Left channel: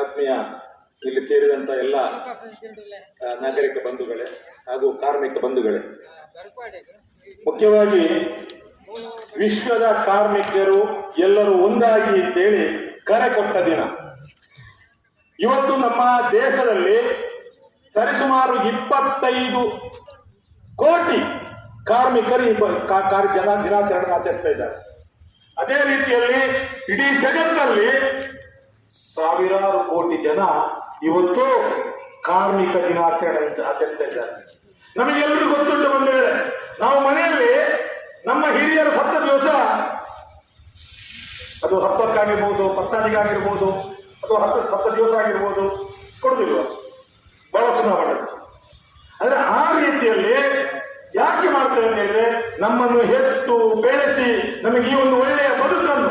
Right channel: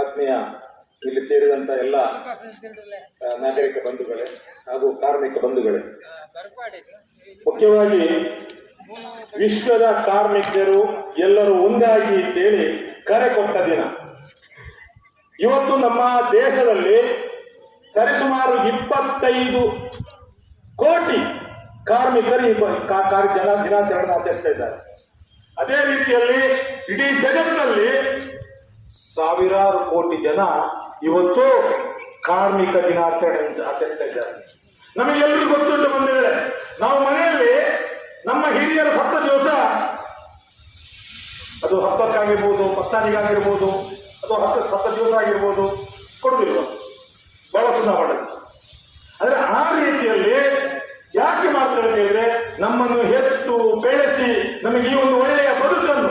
ಆತ್ಮೀಯ ಇಲ್ಲಿ ಸೇರಿದಂತ ಎಲ್ಲ ನಾಗರಿಕ ಬಂಧುಗಳೇ ಹಾಗೂ ಕಾರ್ಮಿಕ ಬಂಧುಗಳೇ, ಮುಖ್ಯವಾಗಿ ವಿಶ್ವದ ಕಾರ್ಮಿಕರು ಎಲ್ಲರೂ ಒಂದಾಗಿ ಅಂತೇಳಿ ಕರೆ ಕೊಟ್ಟ ದಿನ ಇವತ್ತು. ನಮ್ಮ ದೇಶದಲ್ಲಿ ಸರಿಸುಮಾರು 25 ಕೋಟಿ ಕಾರ್ಮಿಕರು ದಿನಾಚರಣೆ ಆಚರಿಸ್ತಾ ಇದ್ದಾರೆ. ಅದೇ ರೀತಿಯಲ್ಲಿ ಇಡೀ ಜಗತ್ತಲ್ಲಿ ಸಾವಿರಾರು ಕೋಟಿ ಜನ ಇವತ್ತು ಕಾರ್ಮಿಕ ದಿನಾಚರಣೆ ಆಚರಿಸ್ತಾ ಇದ್ದಾರೆ. ನಮಗೆಲ್ಲರೂ ಗೊತ್ತುಂಟು ಬಂಧುಗಳೇ, ನಾವು ಮನೆಯಲ್ಲಿ ನಮ್ಮ ಹಿರಿಯರ ಸತ್ತ ದಿವಸ, ಅದು ಹಬ್ಬಕ್ಕಾಗಿರ್ಬೋದು, ಪತ್ತಾನಿಗಾಗಿರ್ಬೋದು, ಅಥವಾ ಸತ್ತ ದಿವಸ ಆಗಿರ್ಬೋದು, ಕೊಡುದಿಲ್ವ ಬಹಳ ಚುನಾವಣೆ. ಅಂದ್ರೆ ಆ ರೀತಿಯಲ್ಲಿ ಯಾಕೆ ಮಾಡ್ತಾರೆ ಅಂತ ಹೇಳಿದ್ರೆ, ನಮ್ಮನ್ನು ಹೆತ್ತು ಬೆಳೆಸಿ ನಮಗೆ ಈ ಒಂದು ಒಳ್ಳೆಯ ಬದುಕನ್ನು,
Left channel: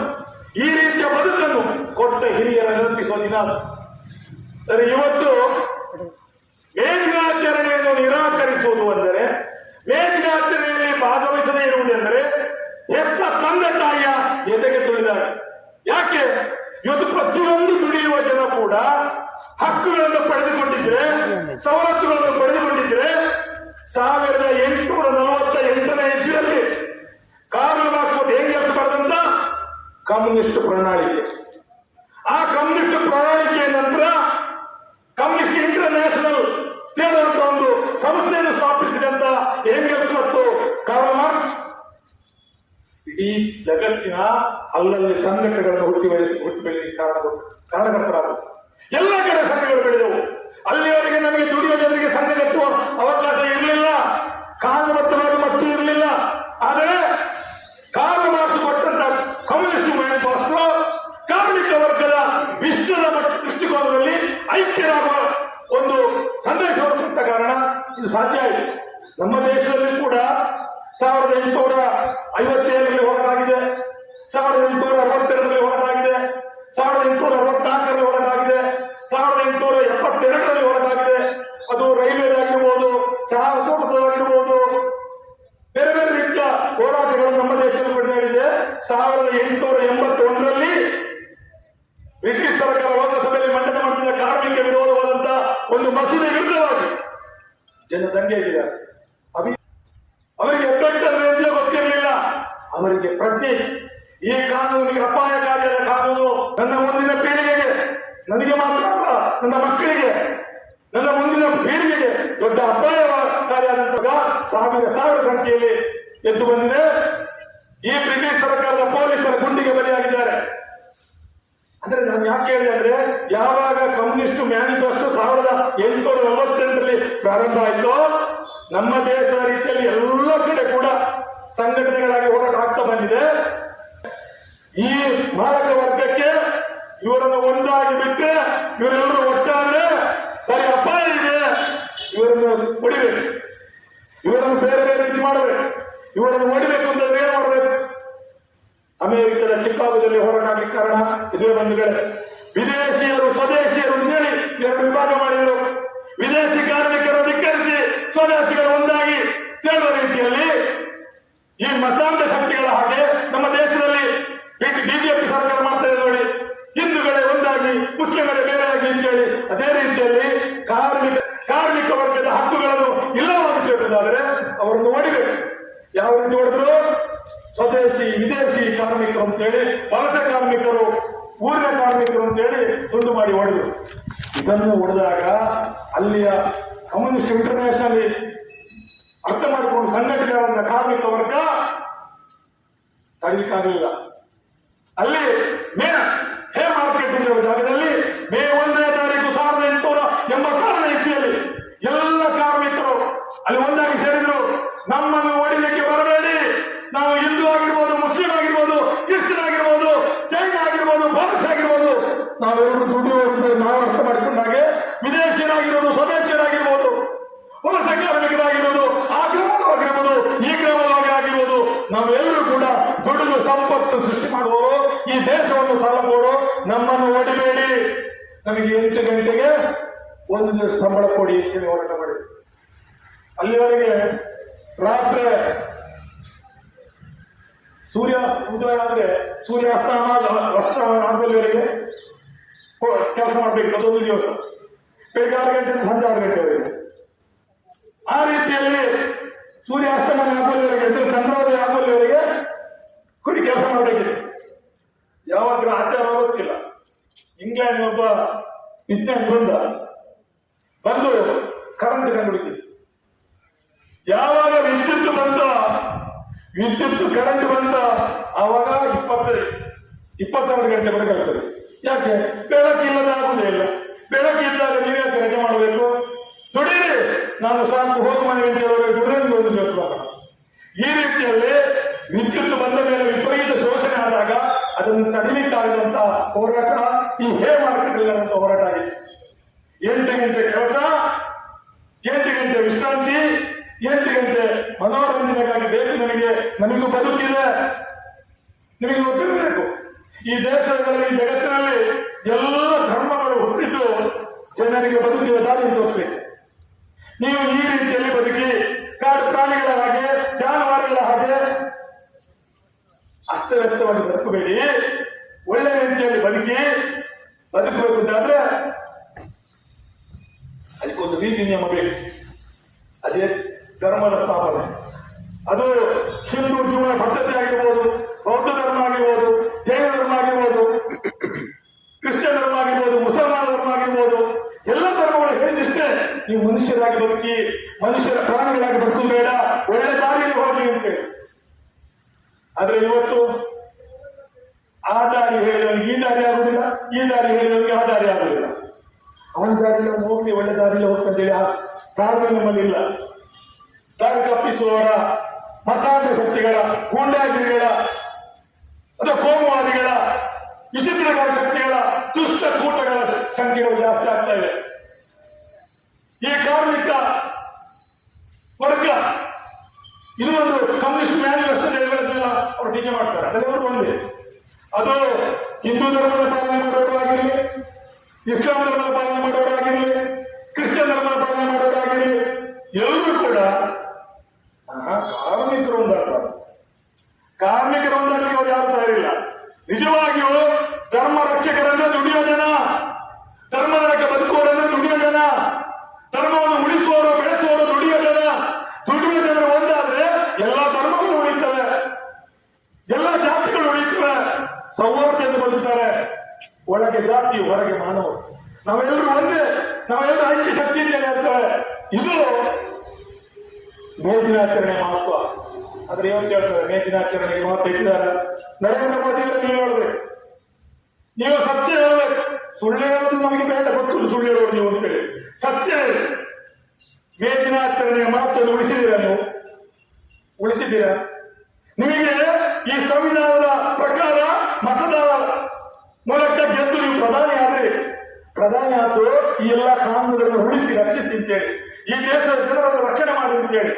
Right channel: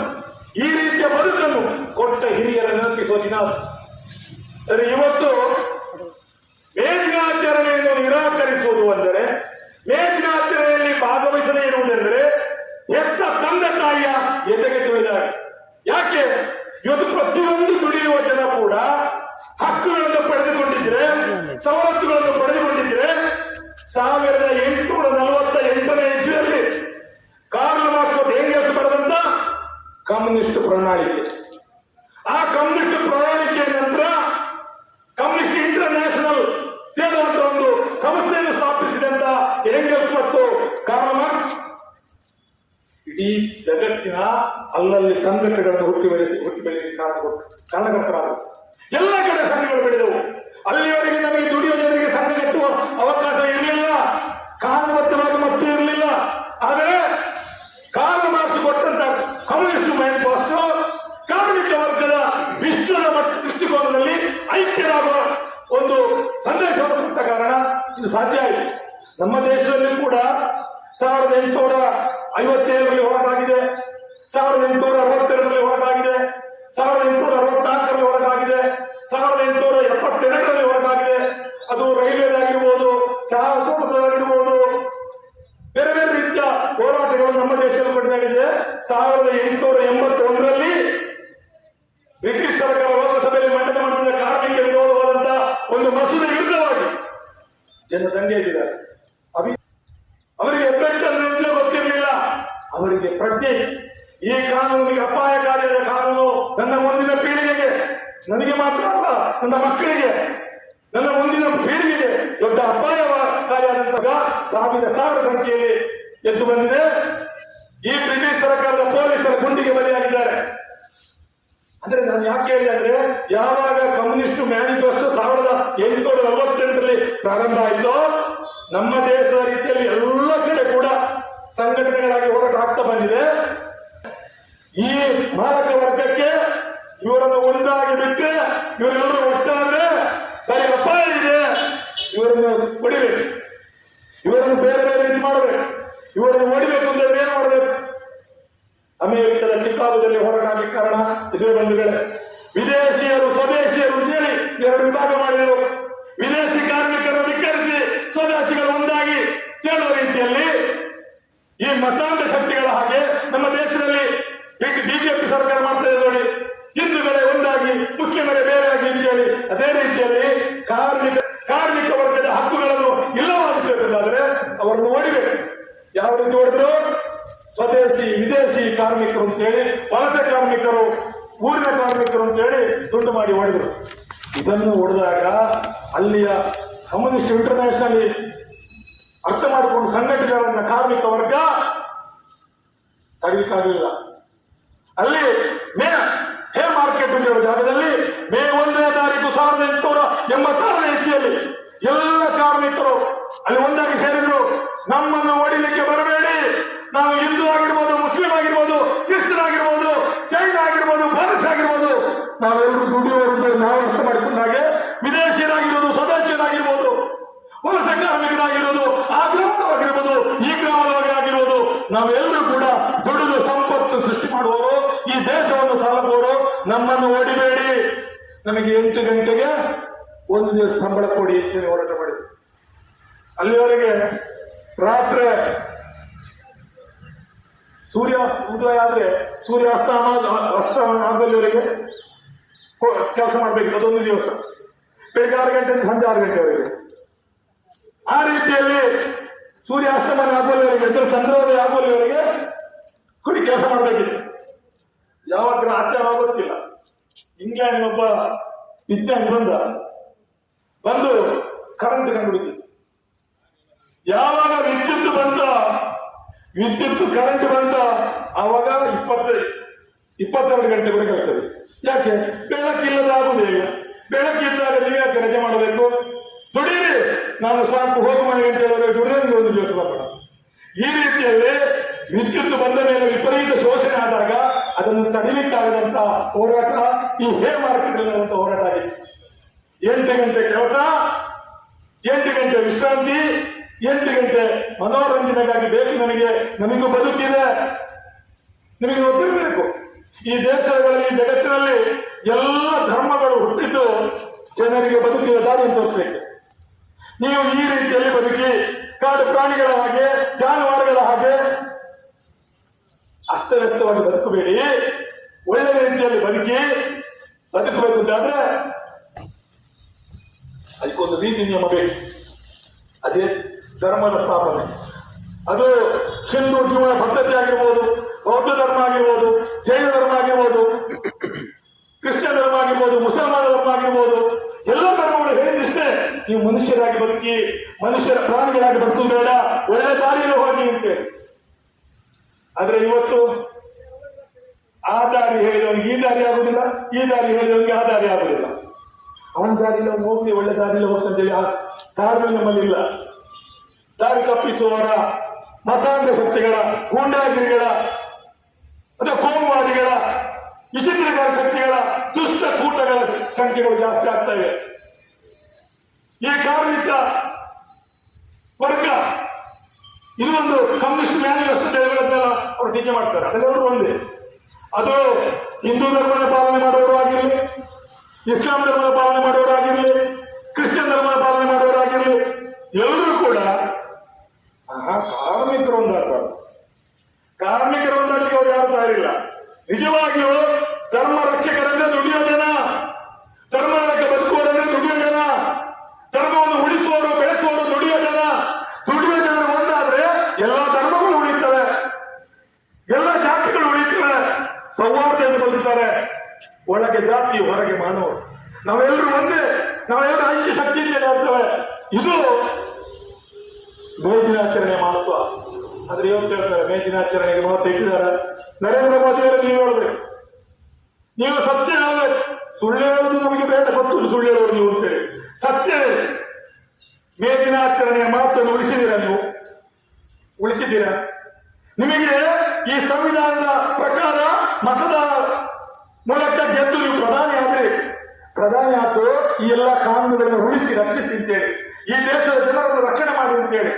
ಈ ರೀತಿಯ ಬದುಕನ್ನು ಕೊಟ್ಟ ಹಿರಿಯರ ನೆನಪಿಸುವ ದಿನ. ಇವತ್ತು ಮೇ ದಿನಾಚರಣೆಯನ್ನು ನಿರಾಕರಿಸುವುದು ಅಂದರೆ, ಮೇ ದಿನಾಚರಣೆಯಲ್ಲಿ ಭಾಗವಹಿಸದೇ ಇರುವುದೆಂದರೆ ಹೆತ್ತ ತಂದೆ ತಾಯಿಯ ಎದೆಗೆ ತುಳಿದಾಗ. ಯಾಕೆ ಇವತ್ತು ಪ್ರತಿಯೊಂದು ದುಡಿಯುವ ಜನ ಕೂಡ ಹಕ್ಕುಗಳನ್ನು ಪಡೆದುಕೊಂಡಿದ್ರೆ, ಸವಲತ್ತುಗಳನ್ನು ಪಡೆದುಕೊಂಡಿದ್ರೆ 1848ನೇ ಇಸ್ವಿಯಲ್ಲಿ ಕಾರ್ಲ್ ಮಾರ್ಕ್ಸ್ ಎಂಗೆಲ್ಸ್ ಬರೆದಂತ ಕಮ್ಯುನಿಸ್ಟ್ ಪ್ರಣಾಳಿಕೆ, ಆ ಕಮ್ಯುನಿಸ್ಟ್ ಪ್ರಣಾಳಿಕೆಯ ನಂತರ ಕಮ್ಯುನಿಸ್ಟ್ ಇಂಟರ್ನ್ಯಾಷನಲ್ ಹೇಳುವಂತ ಒಂದು ಸಂಸ್ಥೆಯನ್ನು ಸ್ಥಾಪಿಸಿದಂತ ಎಂಗೆಲ್ಸ್ ಮತ್ತು ಕಾರ್ಲ್ ಮಾರ್ಕ್ಸ್ ಇಡೀ ಜಗತ್ತಿನ ಅಲ್ಲಲ್ಲಿ ಸಂಘಟನೆಗಳನ್ನು ಹುಟ್ಟಿ ಬೆಳೆಸಿ ಕಾರಣಕರ್ತರಾದರು. ಎಲ್ಲ ಕಡೆ ಸಂಘಗಳು ಬೆಳೆದವು. ಅಲ್ಲಿಯವರೆಗೆ ನಮಗೆ ದುಡಿಯುವ ಜನರಿಗೆ ಸಂಘ ಕಟ್ಟುವ ಅವಕಾಶ ಇರಲಿಲ್ಲ, ಕಾನೂನುಬದ್ಧವಾಗಿ ಮತ್ತು ಇರಲಿಲ್ಲ. ಆದರೆ ಕಾರ್ಲ್ ಮಾರ್ಕ್ಸ್ ಕೊಟ್ಟಂತ ಕಮ್ಯುನಿಸ್ಟ್ ಮ್ಯಾನಿಫೆಸ್ಟೋ ಕಾರ್ಮಿಕ ವರ್ಗದ ವಿಶ್ವದ ದೃಷ್ಟಿಕೋನದಲ್ಲಿ ಐಕ್ಯರಾಗುವ ಒಂದು ಸಂದೇಶವನ್ನು ಕೊಟ್ಟ ಕಾರಣ ಇದು ಸಾಧ್ಯ ಆಯಿತು. ನಮ್ಮ ದೇಶದಲ್ಲಿ ಕೂಡ 1857ರಲ್ಲಿ ಹೊರಟಾಗಿದೆ, 1862ರಲ್ಲಿ ಹೊರಟಾಗಿದೆ, 1864ರಲ್ಲಿ ಹೊರಟಾಗಿದೆ, 1872ರಲ್ಲಿ ಹೊರಟಾಗಿದೆ. ಅದು ರೈಲ್ವೆಗಾಗಿರ್ಬೋದು, ಚಹಾ ತೋಟದವಾಗಿರ್ಬೋದು, ಬೇರೆ ಬೇರೆ ರೀತಿಯ ಹೋರಾಟಗಳು ನಮ್ಮ ದೇಶದಲ್ಲಿ ನಡೆದಿದೆ. 1881ರಲ್ಲಿ ಬ್ರಿಟಿಷ್ ಸರ್ಕಾರ ಲೋಕಸಭೆಯಲ್ಲಿ ಮಂಡನೆ ಮಾಡಿದ ಕಾರ್ಮಿಕ ವಿರೋಧವಾದಂತ ಒಂದು ಮಸೂದೆ ವಿರುದ್ಧವಾಗಿ ಜನ ದಂಗೆ ಎದ್ದಿದ್ದಾರೆ. ಅವರಿಗೆ ಒಬ್ಬೆಟ್ಟನ್ನು ಗೊತ್ತಿರಲಿಲ್ಲ, ಅವರಿಗೆ ಪ್ರಜ್ಞೆ. ಈ ಕಾನೂನಿಗೆ ಅಪಾಯಕಾರಿಯಾದ ಕಾನೂನು ನನ್ನ ಮುಂದಿನ ಪೀಳಿಗೆಗೆ, ನನಗೆ ಮಾತ್ರ ಅಲ್ಲ, ನನ್ನ ಮಕ್ಕಳಿಗೆ, ನನ್ನ ಮುಂದಿನ ಪೀಳಿಗೆಗೆ ದೊಡ್ಡ ಅಪಾಯಕಾರಿಯಾದಂತಹ ಸಾವಿರ ಸಂಖ್ಯೆಯಲ್ಲಿ ಎದ್ದು ಬಂದಿದೆ. ಈ ಬ್ರಿಟಿಷ್ ಸರ್ಕಾರದ ಪೊಲೀಸರ ಗುಂಡಿಗೆ ಬಲಿಯಾಗಿದ್ದಾರೆ. ಅಂದ್ರೆ ನಾನು ಯಾಕೆ ಹೇಳಿದೆ ಅಂದ್ರೆ, ಯಾವಾಗ ಕಮ್ಯುನಿಸ್ಟ್ ಮ್ಯಾನಿಫೆಸ್ಟೋ 1848ರಲ್ಲಿ ಪ್ರಾರಂಭ ಆಯಿತೋ, ನಮ್ಮ ದೇಶದ ರೀತಿಯಲ್ಲಿ ಎಲ್ಲ ಕಡೆ ಕೂಡ ಸಂಘಟನೆಗಳಾಗಿ ಹೋರಾಟ ಆಗ್ತಾ ಬಂದಿದೆ. ಈ ಮಾಲಕ ವರ್ಗಕ್ಕೆ ಇವರನ್ನು ಒಂದಾಗಿ ಬಿಟ್ಟರೆ, ಇವರೆಲ್ಲರೂ ಒಟ್ಟಾದ್ರೆ ಬರೀ ಅಪಾಯ ಇದೆ. ಇವರನ್ನು ಹೊಡಿಬೇಕು, ಇವರನ್ನು ಬೇರೆ ಬೇರೆ ರೀತಿ ಮಾಡಬೇಕು. ಇವರನ್ನು ಹೊಡಿಬೇಕು ಅಂತಂದ್ರೆ ಏನ್ ಮಾಡಬೇಕು? ಅಮೆರಿಕದ ಚಿಕಾಗೋದಲ್ಲಿ ಹೋರಾಟ ಆಗಲಿಕ್ಕೆ ಕಾರಣ ಇದೇ ಬಂಧುಗಳೇ. ವಿದೇಶಿಯರು ಸ್ವದೇಶಿಯರು ಅಂತೇಳಿ 2 ವಿಭಾಗ ಮಾಡಿದರು. ವಿದೇಶಿ ಕಾರ್ಮಿಕರನ್ನು ಧಿಕ್ಕರಿಸಿ ಸ್ವದೇಶಿಗಳು ಒಂದಾಗಿ ತೇಳುವ ರೀತಿಯಲ್ಲಿ ಈ ಮತಾಂಧ ಶಕ್ತಿಗಳ ಹಾಗೆ ನಮ್ಮ ದೇಶದಲ್ಲಿ ಬಿಜೆಪಿ ಸರ್ಕಾರ ಮಾಡ್ತದೆ ನೋಡಿ. ಹಿಂದೂಗಳೇ ಒಂದಾಗಿ, ಮುಸ್ಲಿಮರೇ ಬೇರೆಯಾಗಿ ಅಂತೇಳಿ ಅದೇ ರೀತಿಯಲ್ಲಿ ಕಾರ್ಮಿಕ ವರ್ಗದ ಹಕ್ಕುಗಳನ್ನು ಇಲ್ಲವಾಗಿಸಬೇಕಾದ್ರೆ ಅವರನ್ನು ಹೊಡಿಬೇಕು. ಯಾವ ರೀತಿ ಹೊಡೆದ್ರು? ಸ್ವದೇಶಿ ವಿದೇಶಿ ಕಾರ್ಮಿಕರು ಅಂತೇಳಿ, ವಲಸೆ ಕಾರ್ಮಿಕರು, ಊರಿನ ಕಾರ್ಮಿಕರು ಅಂತೇಳಿ ತುಂಡು ಮಾಡಿ ಹೊಡೆದ್ರು. ಇದನ್ನು ಹೊಡೆದಾಗ ಅಲ್ಲಿಯ ಕಮ್ಯುನಿಸ್ಟ್ ಇಂಟರ್ನ್ಯಾಷನಲ್ ಅರ್ಥ ಮಾಡಿಕೊಂಡು ಸಂಘಟನೆಗಳನ್ನ ಕಾರ್ಮಿಕ ವರ್ಗ ತಡಲಿಕ್ಕಾಗಲಿಲ್ಲ. ಅಲ್ಲಿ ಹೇ ಮಾರ್ಕೆಟ್ ಇರುವ ಜಾಗದಲ್ಲಿ ಮೇ 1ನೇ ತಾರೀಕು 1886ನೇ ಇಸ್ವಿಯಲ್ಲಿ ಎಲ್ಲ ಕಾರ್ಮಿಕರು ಅಲ್ಲಿ ಒಂದಾಗಿ ಸೇರಿದ್ರು. ನಮ್ಮನ್ನು ಹೊಡಿಲಿಕ್ಕೆ ಬರಬೇಡಿ, ನಾವು ಹಿಂದೂ ಆಗಿರ್ಬೋದು, ಮುಸ್ಲಿಂ ಆಗಿರ್ಬೋದು, ಕ್ರಿಶ್ಚಿಯನ್ ಆಗಿರ್ಬೋದು, ಜೈನ ಆಗಿರ್ಬೋದು, ಪಾರಸಿ ಆಗಿರ್ಬೋದು, ನಾವೆಲ್ಲರೂ ದುಡಿಯುವರು. ನಾವು ಅರ್ಥ ಮಾಡಿಕೊಂಡಾಗೆ ವಿದೇಶಿಯರಾಗಿರ್ಬೋದು, ಸ್ವದೇಶಿಯರಾಗಿರ್ಬೋದು, ವಲಸೆ ಕಾರ್ಮಿಕರಾಗಿರ್ಬೋದು, ಆ ಗ್ರಾಮವಾಗಿರ್ಬೋದು, ಈ ಗ್ರಾಮವಾಗಿರ್ಬೋದು, ನಾವೆಲ್ಲರೂ ಕೂಡ ದುಡಿದು ಸಂಪತ್ತು ಸೃಷ್ಟಿ ಮಾಡುವವರು, ಈ ದೇಶವನ್ನು ಸಾಲಬಹುದು. ನಮ್ಮನ್ನು ಹೊಡಿಬೇಡಿ, ನಮಗೆ 8 ಗಂಟೆಗೆ 1 ದಿವಸ ಸಂಬಳ ಕೊಡಿ ಅಂತ ಹೋರಾಟ ಮಾಡಿದ್ರು. ಅಲ್ಲಿವರೆಗೆ ರಾತ್ರಿ ಸೂರ್ಯ ಉದಯ ಆದ್ರೆ ಸೂರ್ಯಾಸ್ತಮಾನದಲ್ಲಿವರೆಗೆ ಕೆಲಸ ಮಾಡಬೇಕು, ಅದೊಂದು ದಿವಸ ಬೆಳಿಗ್ಗೆ 6 ಗಂಟೆಯಿಂದ ಸಂಜೆ 6 ಗಂಟೆವರೆಗೆ. ಆ ರೀತಿಯಲ್ಲಿ ಸೂರ್ಯಾಸ್ತಮಾನ ಆಗುವಲ್ಲಿವರೆಗೆ ಅಂದ್ರೆ ಚಂದ್ರೋದಯ ಆಗುವಲ್ಲಿವರೆಗೆ ಕೊಡಿ ಕೆಲಸ ಮಾಡಬೇಕಿದೆ. ಯಾವಾಗ ಆಚಾರ ಗೊತ್ತಿಲ್ಲ. ಇಂಗ್ಲೆಂಡ್ ಒಬ್ಬ ವಿಜ್ಞಾನಿ ಬಂದು ಕರೆಂಟ್ ಕಂಡುಹಿಡಿದ. ಯಾವಾಗ ವಿದ್ಯುತ್ ಕರೆಂಟ್ ಬಂತ ಆವಾಗ 22 ಗಂಟೆ ಬರೀ ಕೆಲಸ. ಯಾಕೆ? ಬೆಳಕಿಲ್ಲದ ಆಗುವುದೇ ಇಲ್ಲ. ಬೆಳಕಿದ್ದಾಗ ನೀವೇ ರಜೆ ಮಾಡಬೇಕು. ದುಡೀರಿ, ನಾನು ಸಾಕು ಹೋಗಿ 1 ಗಂಟೆವರೆಗೆ ದುಡಿದ್ರೆ ಒಂದು ದಿವಸ ಮಾಡೋಣ. ಈ ರೀತಿಯಲ್ಲಿ ವಿದ್ಯುತ್ ಬಂದ ಮೇಲೆ ವಿಪರೀತ ಶೋಷಣೆ ಆದಾಗ ಅದನ್ನು ತಡಿಲಿಕ್ಕಾಗದಂತ ಹೋರಾಟ ಈ ಹೇ ಮಾರ್ಕೆಟ್ ಹೋರಾಟ ಆಗಿತ್ತು. 8 ಗಂಟೆ ಕೆಲಸ, 8 ಗಂಟೆ ವಿಶ್ರಾಂತಿ, 8 ಗಂಟೆ ಮನೋರಂಜನೆಗಾಗಿ ಬೇಕು. ನಮಗೂ ಬದುಕಿದೆ, ನಿಮಗೆ ಗೊತ್ತಿರಬೇಕು. ಈ ದೇಶಗಳಲ್ಲಿ, ಜಗತ್ತಿನಲ್ಲಿ ಎಲ್ಲ ಧರ್ಮಗಳು ಹುಟ್ಟಿದ್ದು ಜನರಿಗೆ ಬದುಕಿನ ದಾರಿಯನ್ನು ತೋರಿಸಬೇಕು. ನೀವು ಈ ರೀತಿಯಲ್ಲಿ ಬದುಕಿ ಕಾಡು ಪ್ರಾಣಿಗಳ ಹಾಗೆ, ಜಾನುವಾರುಗಳ ಹಾಗೆ ಅಸ್ತವ್ಯಸ್ತವಾಗಿ ಬದುಕಬೇಡಿ. ಒಳ್ಳೆಯ ರೀತಿಯಲ್ಲಿ ಬದುಕಬೇಕು ಅಂತಾದ್ರೆ ಅದಕ್ಕೊಂದು ನೀತಿ ನಿಯಮ ಬೇಕು. ಅದೇ ಧರ್ಮದ ಸ್ಥಾಪನೆ. ಅದು ಹಿಂದೂ ಜೀವನ ಪದ್ಧತಿ ಆಗಿರ್ಬೋದು, ಬೌದ್ಧ ಧರ್ಮ ಆಗಿರ್ಬೋದು, ಜೈನ ಧರ್ಮ ಆಗಿರ್ಬೋದು, ಕ್ರಿಶ್ಚಿಯನ್ ಧರ್ಮ ಆಗಿರ್ಬೋದು, ಮುಸಲ್ಮಾನ ಧರ್ಮ ಆಗಿರ್ಬೋದು, ಎಲ್ಲ ಧರ್ಮಗಳು ಹೇಳಿದಿಷ್ಟೇ, ನೀವು ಮನುಷ್ಯರಾಗಿ ಬದುಕಿ, ಪ್ರಾಣಿಗಳಾಗಿ ಬದುಕು ಬೇಡ, ಒಳ್ಳೆಯ ದಾರಿಯಲ್ಲಿ ಹೋಗಿ ಅಂತೇಳಿ. ಆದ್ರೆ ಇವತ್ತು ಆ ದಾರಿ ಹೇಳಿದವನಿಗೆ ಈ ದಾರಿ ಆಗುದಿಲ್ಲ, ಈ ದಾರಿ ಹೇಳಿದವನಿಗೆ ಆ ದಾರಿ ಆಗುದಿಲ್ಲ. ಅವನ ದಾರಿಯಲ್ಲಿ ಹೋಗ್ಲಿ, ಒಳ್ಳೆ ದಾರಿಯಲ್ಲಿ ಹೋಗ್ತಂತೇಳಿ ಆ ಕಾರಣ ನಮ್ಮಲ್ಲಿ ಇಲ್ಲ. ದಾರಿ ತಪ್ಪಿಸುವವರ, ಮತಾಂಧ ಶಕ್ತಿಗಳ, ಗೂಂಡಾಗಿರಿಗಳ ಅಥವಾ ಕೋಮುವಾದಿಗಳ, ವಿಚಿತ್ರಗಳ ಶಕ್ತಿಗಳ, ದುಷ್ಟ ಕೂಟಗಳ ಸಂಖ್ಯೆಗಳು ಜಾಸ್ತಿ ಆಗ್ತಾ ಇವೆ. ಈ ಕಾರ್ಮಿಕ ವರ್ಗ ಇದು ಒಂದು ಕಮ್ಯುನಿಸ್ಟ್ ಮ್ಯಾನಿಫೆಸ್ಟೋ ಅವರು ಟೀಕೆ ಮಾಡ್ತಾರೆ. ಅದೆಲ್ಲರೂ ಒಂದೇ. ಅದು ಹಿಂದೂ ಧರ್ಮದ ಪಾಲನೆ ಮಾಡುವವರಾಗಿರಲಿ, ಇಸ್ಲಾಂ ಧರ್ಮದ ಪಾಲನೆ ಮಾಡುವವರಾಗಿರಲಿ, ಕ್ರಿಶ್ಚಿಯನ್ ಧರ್ಮದ ಪಾಲನೆ ಮಾಡುವವರಾಗಿರಲಿ, ಎಲ್ಲರೂ ಕೂಡ ಕಾರ್ಮಿಕರು ಒಂದಾಗಬಾರ್ದು. ಕಾರ್ಮಿಕರು ಒಂದಾಗಲಿಕ್ಕೆ ಅವರು ಯಾರು ತಯಾರಿಲ್ಲ. ನಿಜವಾಗಿಯೂ ಧರ್ಮ ರಕ್ಷಕರಂದ್ರೆ ದುಡಿಯೋ ಜನ, ಧರ್ಮದ ಬದುಕುವವರಂದ್ರೆ ದುಡಿಯೋ ಜನ, ಧರ್ಮವನ್ನು ಉಳಿಸುವವರು, ಬೆಳೆಸುವವರು ದುಡಿಯೋ ಜನರು ಒಂದಾದ್ರೆ ಎಲ್ಲ ಧರ್ಮಗಳು ಉಳಿತವೆ, ಎಲ್ಲ ಜಾತಿಗಳು ಉಳಿತವೆ, ಸೌಹಾರ್ದತೆಯಿಂದ ಬದುಕ್ತಾರೆ. ಒಳಗೆ ಜಾತಿ, ಹೊರಗೆ ಮಾನವರು, ನಾವೆಲ್ಲರೂ ಒಂದೇ, ನಾವೆಲ್ಲರೂ ಐಕ್ಯ ಶಕ್ತಿಯಿಂದ ನೋಡ್ತೇವೆ. ಇದು ಮೇ ದಿನಾಚರಣೆ ಮಹತ್ವ. ಅಂದ್ರೆ ಇವತ್ತು ಹೇಳ್ತಾರೆ ಮೇ ದಿನಾಚರಣೆಗೆ ಮಹತ್ವ ಇಟ್ಟಿದ್ದಾರೆ. ನರೇಂದ್ರ ಮೋದಿಯವರು ನೀವು ನೋಡ್ಬೇಕು, ನೀವು ಸತ್ಯ ಹೇಳ್ಬೇಕು. ಸುಳ್ಳು ಹೇಳೋದು ನಮಗೆ ಬೇಡ, ಗೊತ್ತು ಸುಳ್ಳು ಹೇಳೋದು ನೀವು ಅಂತೇಳಿ. ಸತ್ಯ ಮೇ ದಿನಾಚರಣೆಯ ಮಹತ್ವ ಉಳಿಸಿದ್ದೀರಾ? ನಿಮಗೆ ಈ ಸಂವಿಧಾನದ ಪ್ರಕಾರ ಮತದ ಮೂಲಕ ಗೆದ್ದು ನೀವು ಪ್ರಧಾನಿ ಆತು ಈ ಎಲ್ಲ ಕಾನೂನುಗಳನ್ನು ಉಳಿಸಿ ರಕ್ಷಿಸಿ ಅಂತೇಳಿ, ಈ ದೇಶದ ಜನರನ್ನು ರಕ್ಷಣೆ ಮಾಡಿ ಅಂತೇಳಿ.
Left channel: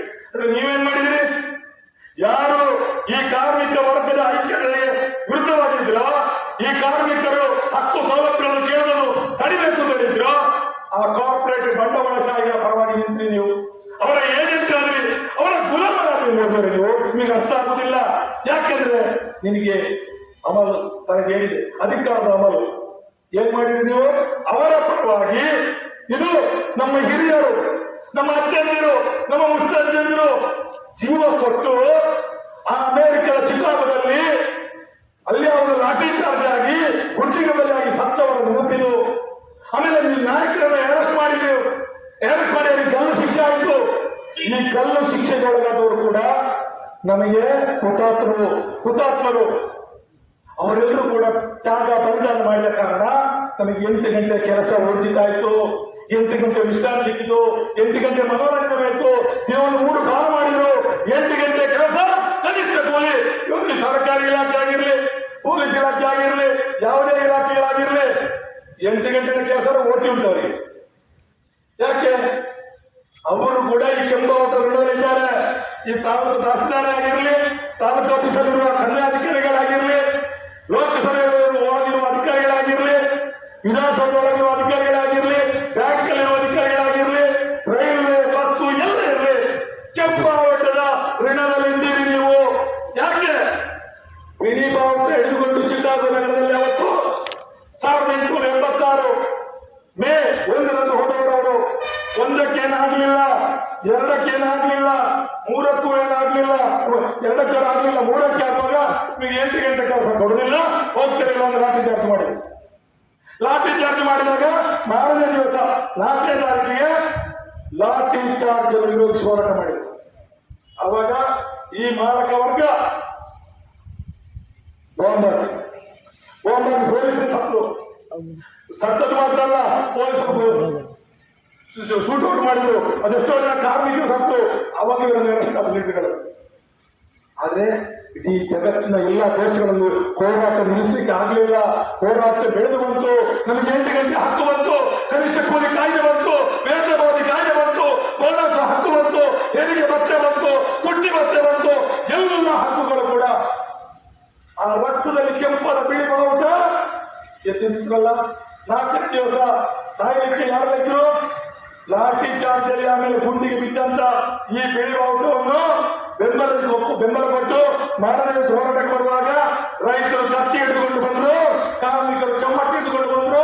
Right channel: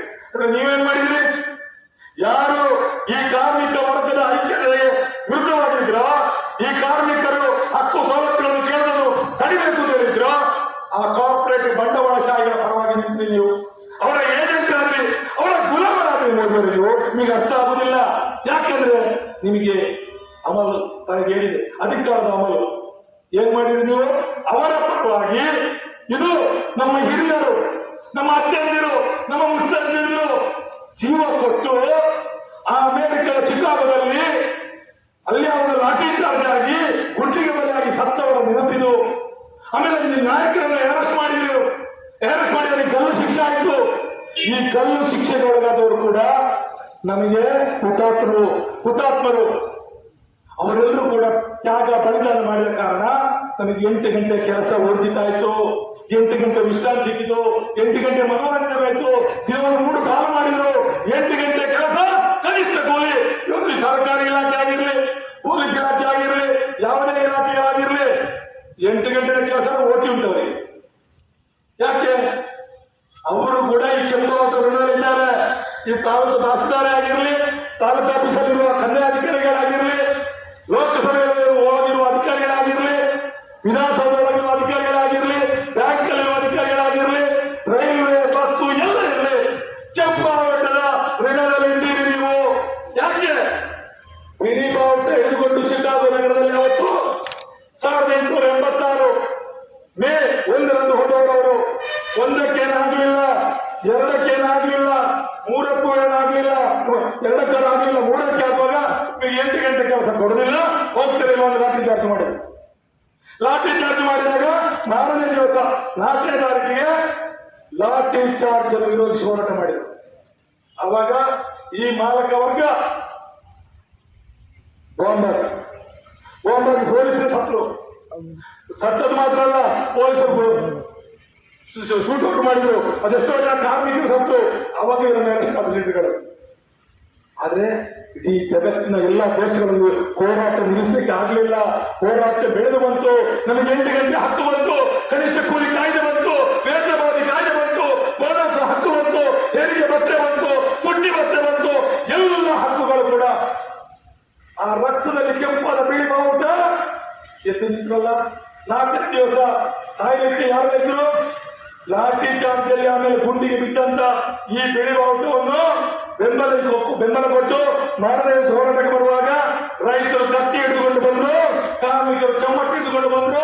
ನೀವೇನ್ ಮಾಡಿದ್ರಿ? ಯಾರು ಈ ಕಾರ್ಮಿಕ ವರ್ಗದ ಐಕ್ಯತೆಗೆ ವಿರುದ್ಧವಾಗಿದ್ರೋ, ಈ ಕಾರ್ಮಿಕರು ಹಕ್ಕು ಸವಲತ್ತುಗಳನ್ನು ಕೇಳೋದು ತಡಿಬೇಕು ಅಂತ ಹೇಳಿದ್ರು, ಆ ಕಾರ್ಪೊರೇಟ್ ಬಂಡವಾಳಶಾಹಿಗಳ ಪರವಾಗಿ ನಿಂತ್ರಿ ನೀವು. ಅವರ ಏಜೆಂಟ್ ಆದ್ರಿ, ಅವರ ಗುಲಾಮರಾದ್ರಿ ನೋಡಿದ್ರು ನೀವು. ನಿಮಗೆ ಅರ್ಥ ಆಗುದಿಲ್ಲ. ಯಾಕೆಂದ್ರೆ ನಿಮಗೆ ಅಮಲು ತನಗೆ ಹೇಳಿದೆ, ಅಧಿಕಾರದ ಅಮಲು. ಏನ್ ಮಾಡಿದ್ರಿ ನೀವು? ಅವರ ಪರವಾಗಿ ಇದು ನಮ್ಮ ಹಿರಿಯರು, ನಮ್ಮ ಅತ್ಯಂದಿರು, ನಮ್ಮ ಮುತ್ತಂದಿರು ಜೀವ ಕೊಟ್ಟು ಆ ಅಮೆರಿಕದ ಚಿಕಾಗೋದಲ್ಲಿ ಅಲ್ಲಿ ಅವರ ಲಾಠಿ ಚಾರ್ಜ್ ಆಗಿ ಗುಂಡಿಗೆ ಬಲಿಯಾಗಿ ಸತ್ತವರ ನೆನಪಿದು. ಆಮೇಲೆ ನಾಯಕರನ್ನು ಅರೆಸ್ಟ್ ಮಾಡಿ ಅವರಿಗೆ ಗಲ್ಲು ಶಿಕ್ಷೆ ಆಯಿತು. ಈ ಗಲ್ಲು ಶಿಕ್ಷೆಗೆ ಒಳಗಾದವರು ಕೂಡ ನಮಗೆ ಹುತಾತ್ಮರು. ಅವರೆಲ್ಲರೂ ಕೂಡ ತ್ಯಾಗ ಬಲಿದಾನ ಮಾಡಿದ ಕಾರಣ ನಮಗೆ 8 ಗಂಟೆ ಕೆಲಸ ಊರ್ಜಿತ ಆಯ್ತು, 8 ಗಂಟೆ ವಿಶ್ರಾಂತಿ ಸಿಕ್ಕಿತು, 8 ಗಂಟೆ ಮನೋರಂಜನೆ ಆಯ್ತು, ಜೀವನ 3 ಕಾಲ ಮಾಡಿದ್ರು. 8 ಗಂಟೆ ಕೆಲಸ ಕನಿಷ್ಠ ಕೂಲಿ. ಇವತ್ತು ಸರ್ಕಾರಿ ಇಲಾಖೆ ಆಗಿರ್ಲಿ, ಪೊಲೀಸ್ ಇಲಾಖೆ ಆಗಿರ್ಲಿ, ಯಾವುದೇ ಇಲಾಖೆ ಆಗಿರ್ಲಿ, 8 ಗಂಟೆ ಕೆಲಸ ಓಟಿ ಉಂಟವ್ರಿಗೆ. ಯಾಕೆ? ಅವರು ಕೂಡ ಈ ಕೆಂಪುವಂತ ಋಣದಲ್ಲಿದ್ದಾರೆ. ಈ ತಾಲೂಕು ತಹಸೀಲ್ದಾರ್ ಆಗಿರ್ಲಿ, ತಾಲೂಕು ಆಫೀಸಲ್ಲಿರುವ ಕನ್ಯಾಧಿಕಾರಿಗಳಾಗಿರ್ಲಿ, ಲೋಕಸಭೆಯಲ್ಲಿ ಒಳಗಿರುವ ಅಧಿಕಾರಿಗಳಾಗಿರ್ಲಿ, ವಿಧಾನಸೌಧದೊಳಗಿರುವ ಅಧಿಕಾರಿಗಳಾಗಿರ್ಲಿ, ಬ್ಯಾಂಕ್ನಲ್ಲಿರುವ ಅಧಿಕಾರಿಗಳಾಗಿರ್ಲಿ, ರೈಲ್ವೆ, ಬಸ್ಸು ಎಲ್ಲ ಇರಲಿ, ಕೆಂಪುವಂತದ ಋಣದಲ್ಲಿ ಇದ್ದೀರಿ ನೀವು. ಯಾಕೆ? ಬಾವುಟ ಹಿಡಿದುಕೊಂಡು ಚಿಕಾಗೋ ನಗರದಲ್ಲಿ ಅವತ್ತು 1886 ಮೇ 1ರಂದು ಹೋದವರು ಒಂದಕ್ಕೇನಾಗಲಿಲ್ಲ, ಎರಡಕ್ಕೇನಾಗಲಿಲ್ಲ, ಮೂರಕ್ಕೂ ಏನಾಗಲಿಲ್ಲ, ಎರಡಕ್ಕೇನಾಗಲಿಲ್ಲ, ಮೂರಕ್ಕೆ ಹಾಕುವಾಗ ನಿಮಗೆ 8 ಗಂಟೆ ಕೆಲಸ ಕೊಡುದಿಲ್ಲ, ಹೋಗ್ತಿರಲಿಲ್ಲ ಒಂದು ಲಾಠಿ ಚಾರ್ಜ್ ಮಾಡಿದ್ರು. ಲಾಠಿ ಚಾರ್ಜ್ ಮಾಡಿದಾಗ 4ನೇ ದಿವಸ 4ನೇ ತಾರೀಕಿಗೆ ಲಾಠಿ ಚಾರ್ಜ್ ಅನ್ನು ವಿರೋಧಿಸಿ ಹೋರಾಟ ಮಾಡಿದ್ರು. ಅವಾಗ ಈ ಮಾರಕ ವರ್ಗ ಬಾಂಬಾಗಿ ಪೊಲೀಸರು ಸತ್ತದ್ದು ಮಾತ್ರ ಅಲ್ಲ, ಪೊಲೀಸರು ಶೂಟ್ ಔಟ್ ಮಾಡಿದ್ರು. ಅದೆಷ್ಟೋ ಜನ ಕಾರ್ಮಿಕರು ಸತ್ತು. ಅವಾಗ ಇವರ ಲೀಡರ್ಗಳು. ಆದ್ರೆ ಇಡೀ ಜಗತ್ತಿನ ಎಲ್ಲಾ ದೇಶಗಳಲ್ಲಿ ಹೋರಾಟ ನಿಲ್ಲಿಸಲಿಕ್ಕೆ ಆಗ್ಲಿಲ್ಲ. ಹೋರಾಟ ಬೆಳೆದು ಬಂತು. ನಮಗೆ 8 ಗಂಟೆ ಹಕ್ಕು ಬಂತು, ಕನಿಷ್ಠ ಕೂಲಿ ಕಾಯ್ದೆ ಬಂತು, ವೇತನವಾದಿ ಕಾಯ್ದೆ ಬಂತು, ಬೋನಸ್ ಹಕ್ಕು ಬಂತು, ತೆರಿಗೆ ಭತ್ಯೆ ಬಂತು, ತುಟ್ಟಿ ಭತ್ಯೆ ಬಂತು. ಎಲ್ಲ ಹಕ್ಕುಗಳು ಕೂಡ ಆ ರಕ್ತದಲ್ಲಿ ಕೆಂಪಾದ ಬಿಳಿ ಬಾವುಟ ಎದ್ದು ನಿಂತರಲ್ಲ. 4ನೇ ದಿವಸ ಸಾಯಲಿಕ್ಕೆ ಯಾರಿದ್ರು? ಲಾಠಿ ಚಾರ್ಜಲ್ಲಿ ಆಮೇಲೆ ಗುಂಡಿಗೆ ಬಿದ್ದಂತ ಈ ಬಿಳಿ ಬಾವುಟವನ್ನು ಬೆಂಬಲ ಕೊಟ್ಟು 4ನೇ ದಿವಸ ಹೋರಾಟಕ್ಕೆ ಬರುವಾಗ ರೈತರು ಕತ್ತಿ ಹಿಡಿದುಕೊಂಡು ಬಂದ್ರು, ಕಾರ್ಮಿಕರು ಚಮ್ಮಟ್ಟಿ ಹಿಡಿದುಕೊಂಡು ಬಂದ್ರು.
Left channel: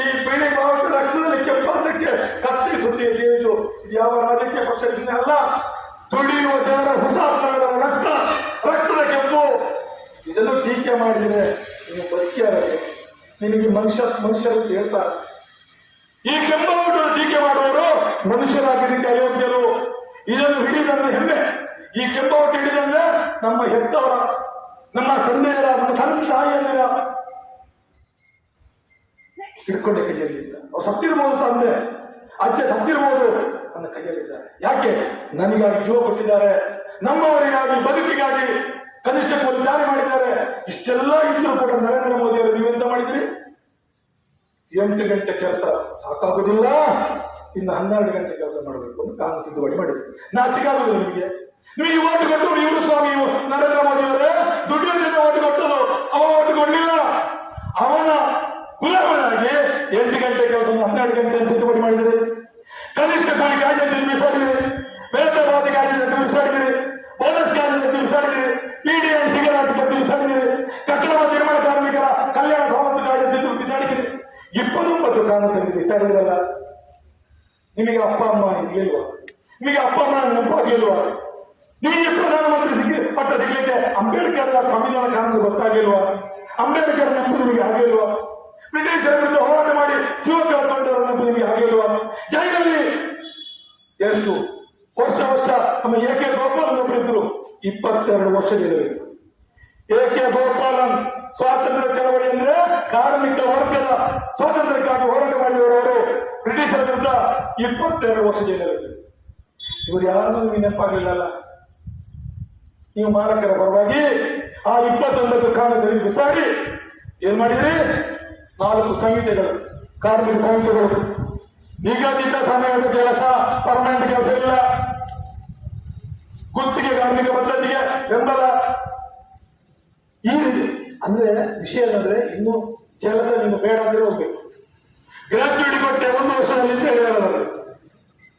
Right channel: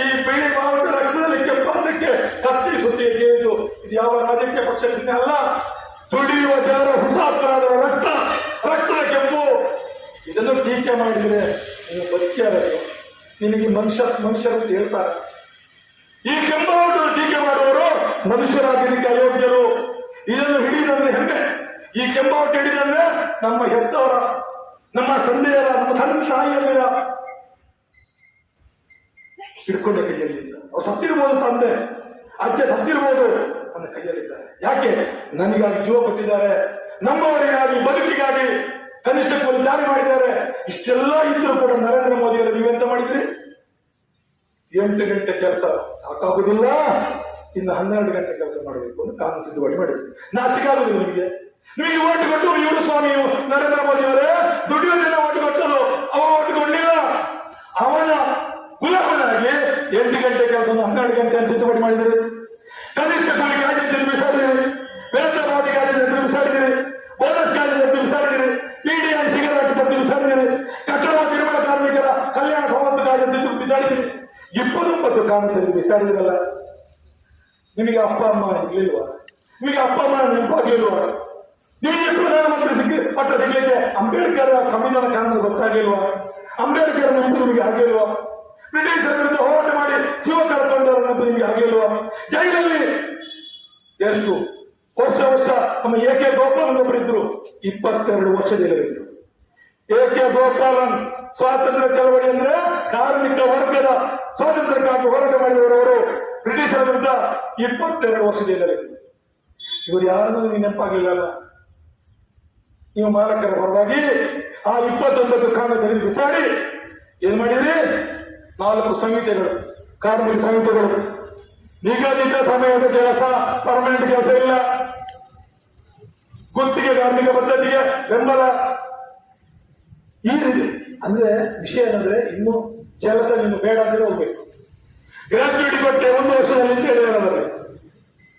ಈ ಬಿಳಿ ಬಾವುಟ ರಕ್ತದಲ್ಲಿ ಕೆಂಪಾದಕ್ಕೆ ಕತ್ತಿ ಸುದ್ದಿ ಕೇಳಿತು. ಇದು ಯಾವ ರಾಜಕೀಯ ಪಕ್ಷ ಚಿಹ್ನೆ ಅಲ್ಲ, ದುಡಿಯುವ ಜನರ ಹುತಾತ್ಮರಾದವರ ರಕ್ತದ ಕೆಂಪು. ಇದನ್ನು ಟೀಕೆ ಮಾಡಿದರೆ ಇನ್ನು ಬದುಕಿಯಾಗಬೇಕು. ನಿನಗೆ ಮನುಷ್ಯರು ಹೇಳ್ತಾರೆ. ಈ ಕೆಂಬಾವುಟ ಟೀಕೆ ಮಾಡುವವರು ಮನುಷ್ಯರಾಗಲಿಕ್ಕೆ ಅಯೋಗ್ಯರು. ಇದನ್ನು ಹಿಡಿದಂದ್ರೆ ಹೆಮ್ಮೆ. ಈ ಕೆಂಬಾವುಟ ಹಿಡಿದಂದ್ರೆ ನಮ್ಮ ಹೆತ್ತವರ, ನಮ್ಮ ತಂದೆಯರ, ನಮ್ಮ ತಾಯಿಯರ ಹಿಡ್ಕೊಂಡೆ ಕೈಯಲ್ಲಿದ್ದ. ಅವ್ರು ಸತ್ತಿರ್ಬೋದು, ತಂದೆ ಅಜ್ಜ ಸತ್ತಿರ್ಬೋದು, ನನ್ನ ಕೈಯಲ್ಲಿದ್ದಾರೆ. ಯಾಕೆ? ನನಗಾಗಿ ಜೀವ ಕೊಟ್ಟಿದ್ದಾರೆ, ನಮ್ಮವರಿಗಾಗಿ, ಬದುಕಿಗಾಗಿ ಕನಿಷ್ಠ ಕೂಲಿ ಜಾರಿ ಮಾಡಿದ್ದಾರೆ. ಇಷ್ಟೆಲ್ಲ ಇದ್ರೂ ಕೂಡ ನರೇಂದ್ರ ಮೋದಿ ಅವರು ನೀವೆಂತ ಮಾಡಿದ್ರಿ? 8 ಗಂಟೆ ಕೆಲಸ ಸಾಕಾಗುದಿಲ್ಲ, ಇನ್ನು 12 ಗಂಟೆ ಕೆಲಸ ಮಾಡಬೇಕು ಅಂತ ಕಾನೂನು ತಿದ್ದುಪಡಿ ಮಾಡಿದ್ರು. ನಾಚಿಕಾಗುದಿಲ್ಲ ನಿಮಗೆ? ನಿಮಗೆ ಓಟು ಕೊಟ್ಟು ಇವರು ಸ್ವಾಮಿ ನರೇಂದ್ರ ಮೋದಿ ಅವರೇ ದುಡಿಯೋ ಜನ ಓಟು ಕೊಟ್ಟರು, ಅವ ಓಟು ಕೊಡಲಿಲ್ಲ. ಅವನ ಗುಲಾಮನಾಗಿ 8 ಗಂಟೆ ಕೆಲಸವನ್ನು 12 ಗಂಟೆ ತಿದ್ದುಪಡಿ ಮಾಡಿದ್ರು. ಕನಿಷ್ಠ ಕೂಲಿ ಕಾಯ್ದೆ ಬಿಸಾಡಿದ್ರಿ, ವೇತನವಾದಿ ಕಾಯ್ದೆ ಬಿಸಾಡಿದ್ರಿ, ಬೋನಸ್ ಕಾಯ್ದೆ ಬಿಸಾಡಿದ್ರಿ, PDN ಸಿಗರೇಟ್ ಬಿಸಾಡಿದ್ರಿ, ಕಟ್ಟಡ ಮತ್ತು ನಿರ್ಮಾಣ ಕಾರ್ಮಿಕರ ಕಲ್ಯಾಣ ಸವಲತ್ತು ಕಾಯ್ದೆ ಬಿಸಾಡಿದ್ರಿ. 29 ಕಾನೂನು ಬಿಸಾಡಿದ್ರಲ್ಲ. ನಿಮಗೆ ಅಪ್ಪ ಅಮ್ಮ ಇರ್ಲಿಲ್ವಾ? ನಿಮಗೆ ಅಪ್ಪ ಅಮ್ಮ ನೆನಪಾಗಿಲ್ವಾ? ನಿಮಗೆ ಪ್ರಧಾನಮಂತ್ರಿ ಪಟ್ಟ ಸಿಗಲಿಕ್ಕೆ ಅಂಬೇಡ್ಕರ್ ಸಂವಿಧಾನ ಕಾನೂನು ಗೊತ್ತಾಗಿಲ್ವಾ? ಅಂಬೇಡ್ಕರ್ ನೆನಪು ನಿಮಗೆ ಆಗಿಲ್ವಾ? ಬ್ರಿಟಿಷರ ವಿರುದ್ಧ ಹೋರಾಟ ಮಾಡಿ ಜೀವ ಕಳ್ಕೊಂಡವರ ನೆನಪು ನಿಮಗೆ ಆಗಿಲ್ವಾ? ಜೈಲಲ್ಲಿ ಎಷ್ಟು ವರ್ಷ ನಮ್ಮ AK ಗೋಪಾಲನ್ ಒಬ್ಬರಿದ್ರು, 22 ವರ್ಷ ಜೈಲಿದ್ರು. AK ಗೋಪಾಲನ್ ಸ್ವಾತಂತ್ರ್ಯ ಚಳವಳಿ ಅಂದ್ರೆ ಕಾರ್ಮಿಕ ವರ್ಗದ ಸ್ವಾತಂತ್ರ್ಯಕ್ಕಾಗಿ ಹೋರಾಟ ಮಾಡಿದವರು. ಬ್ರಿಟಿಷರ ವಿರುದ್ಧ 22 ವರ್ಷ ಜೈಲಿದ್ರು. ಇವರು ಯಾರನ್ನೂ ನೆನಪಾಗಲಿಲ್ಲ. ನೀವು ಮಾಲಕರ ಪರವಾಗಿ ಆ 29 ಕಾನೂನು ಬಿಸಾಡಿ ಏನ್ ಮಾಡಿದ್ರಿ? 4 ಸಂಹಿತೆಗಳು, ಕಾರ್ಮಿಕ ಸಂಹಿತೆಗಳು, ನಿಗದಿತ ಸಮಯದ ಕೆಲಸ, ಪರ್ಮನೆಂಟ್ ಕೆಲಸ ಇಲ್ಲ, ಗುತ್ತಿಗೆ ಕಾರ್ಮಿಕ ಪದ್ಧತಿಗೆ ಬೆಂಬಲ. ಈ ರೀತಿ ಅಂದ್ರೆ ವಿಷಯ ಏನಂದ್ರೆ ಇನ್ನು ಕೆಲಸ ನೀನು ಬೇಡ ಅಂದ್ರೆ ಹೋಗ್ಬೇಕು. ಗ್ರಾಚ್ಯುಟಿ ಕೊಟ್ಟೆ 1 ವರ್ಷದಲ್ಲಿ ಅಂತ ಹೇಳಿದ್ರೆ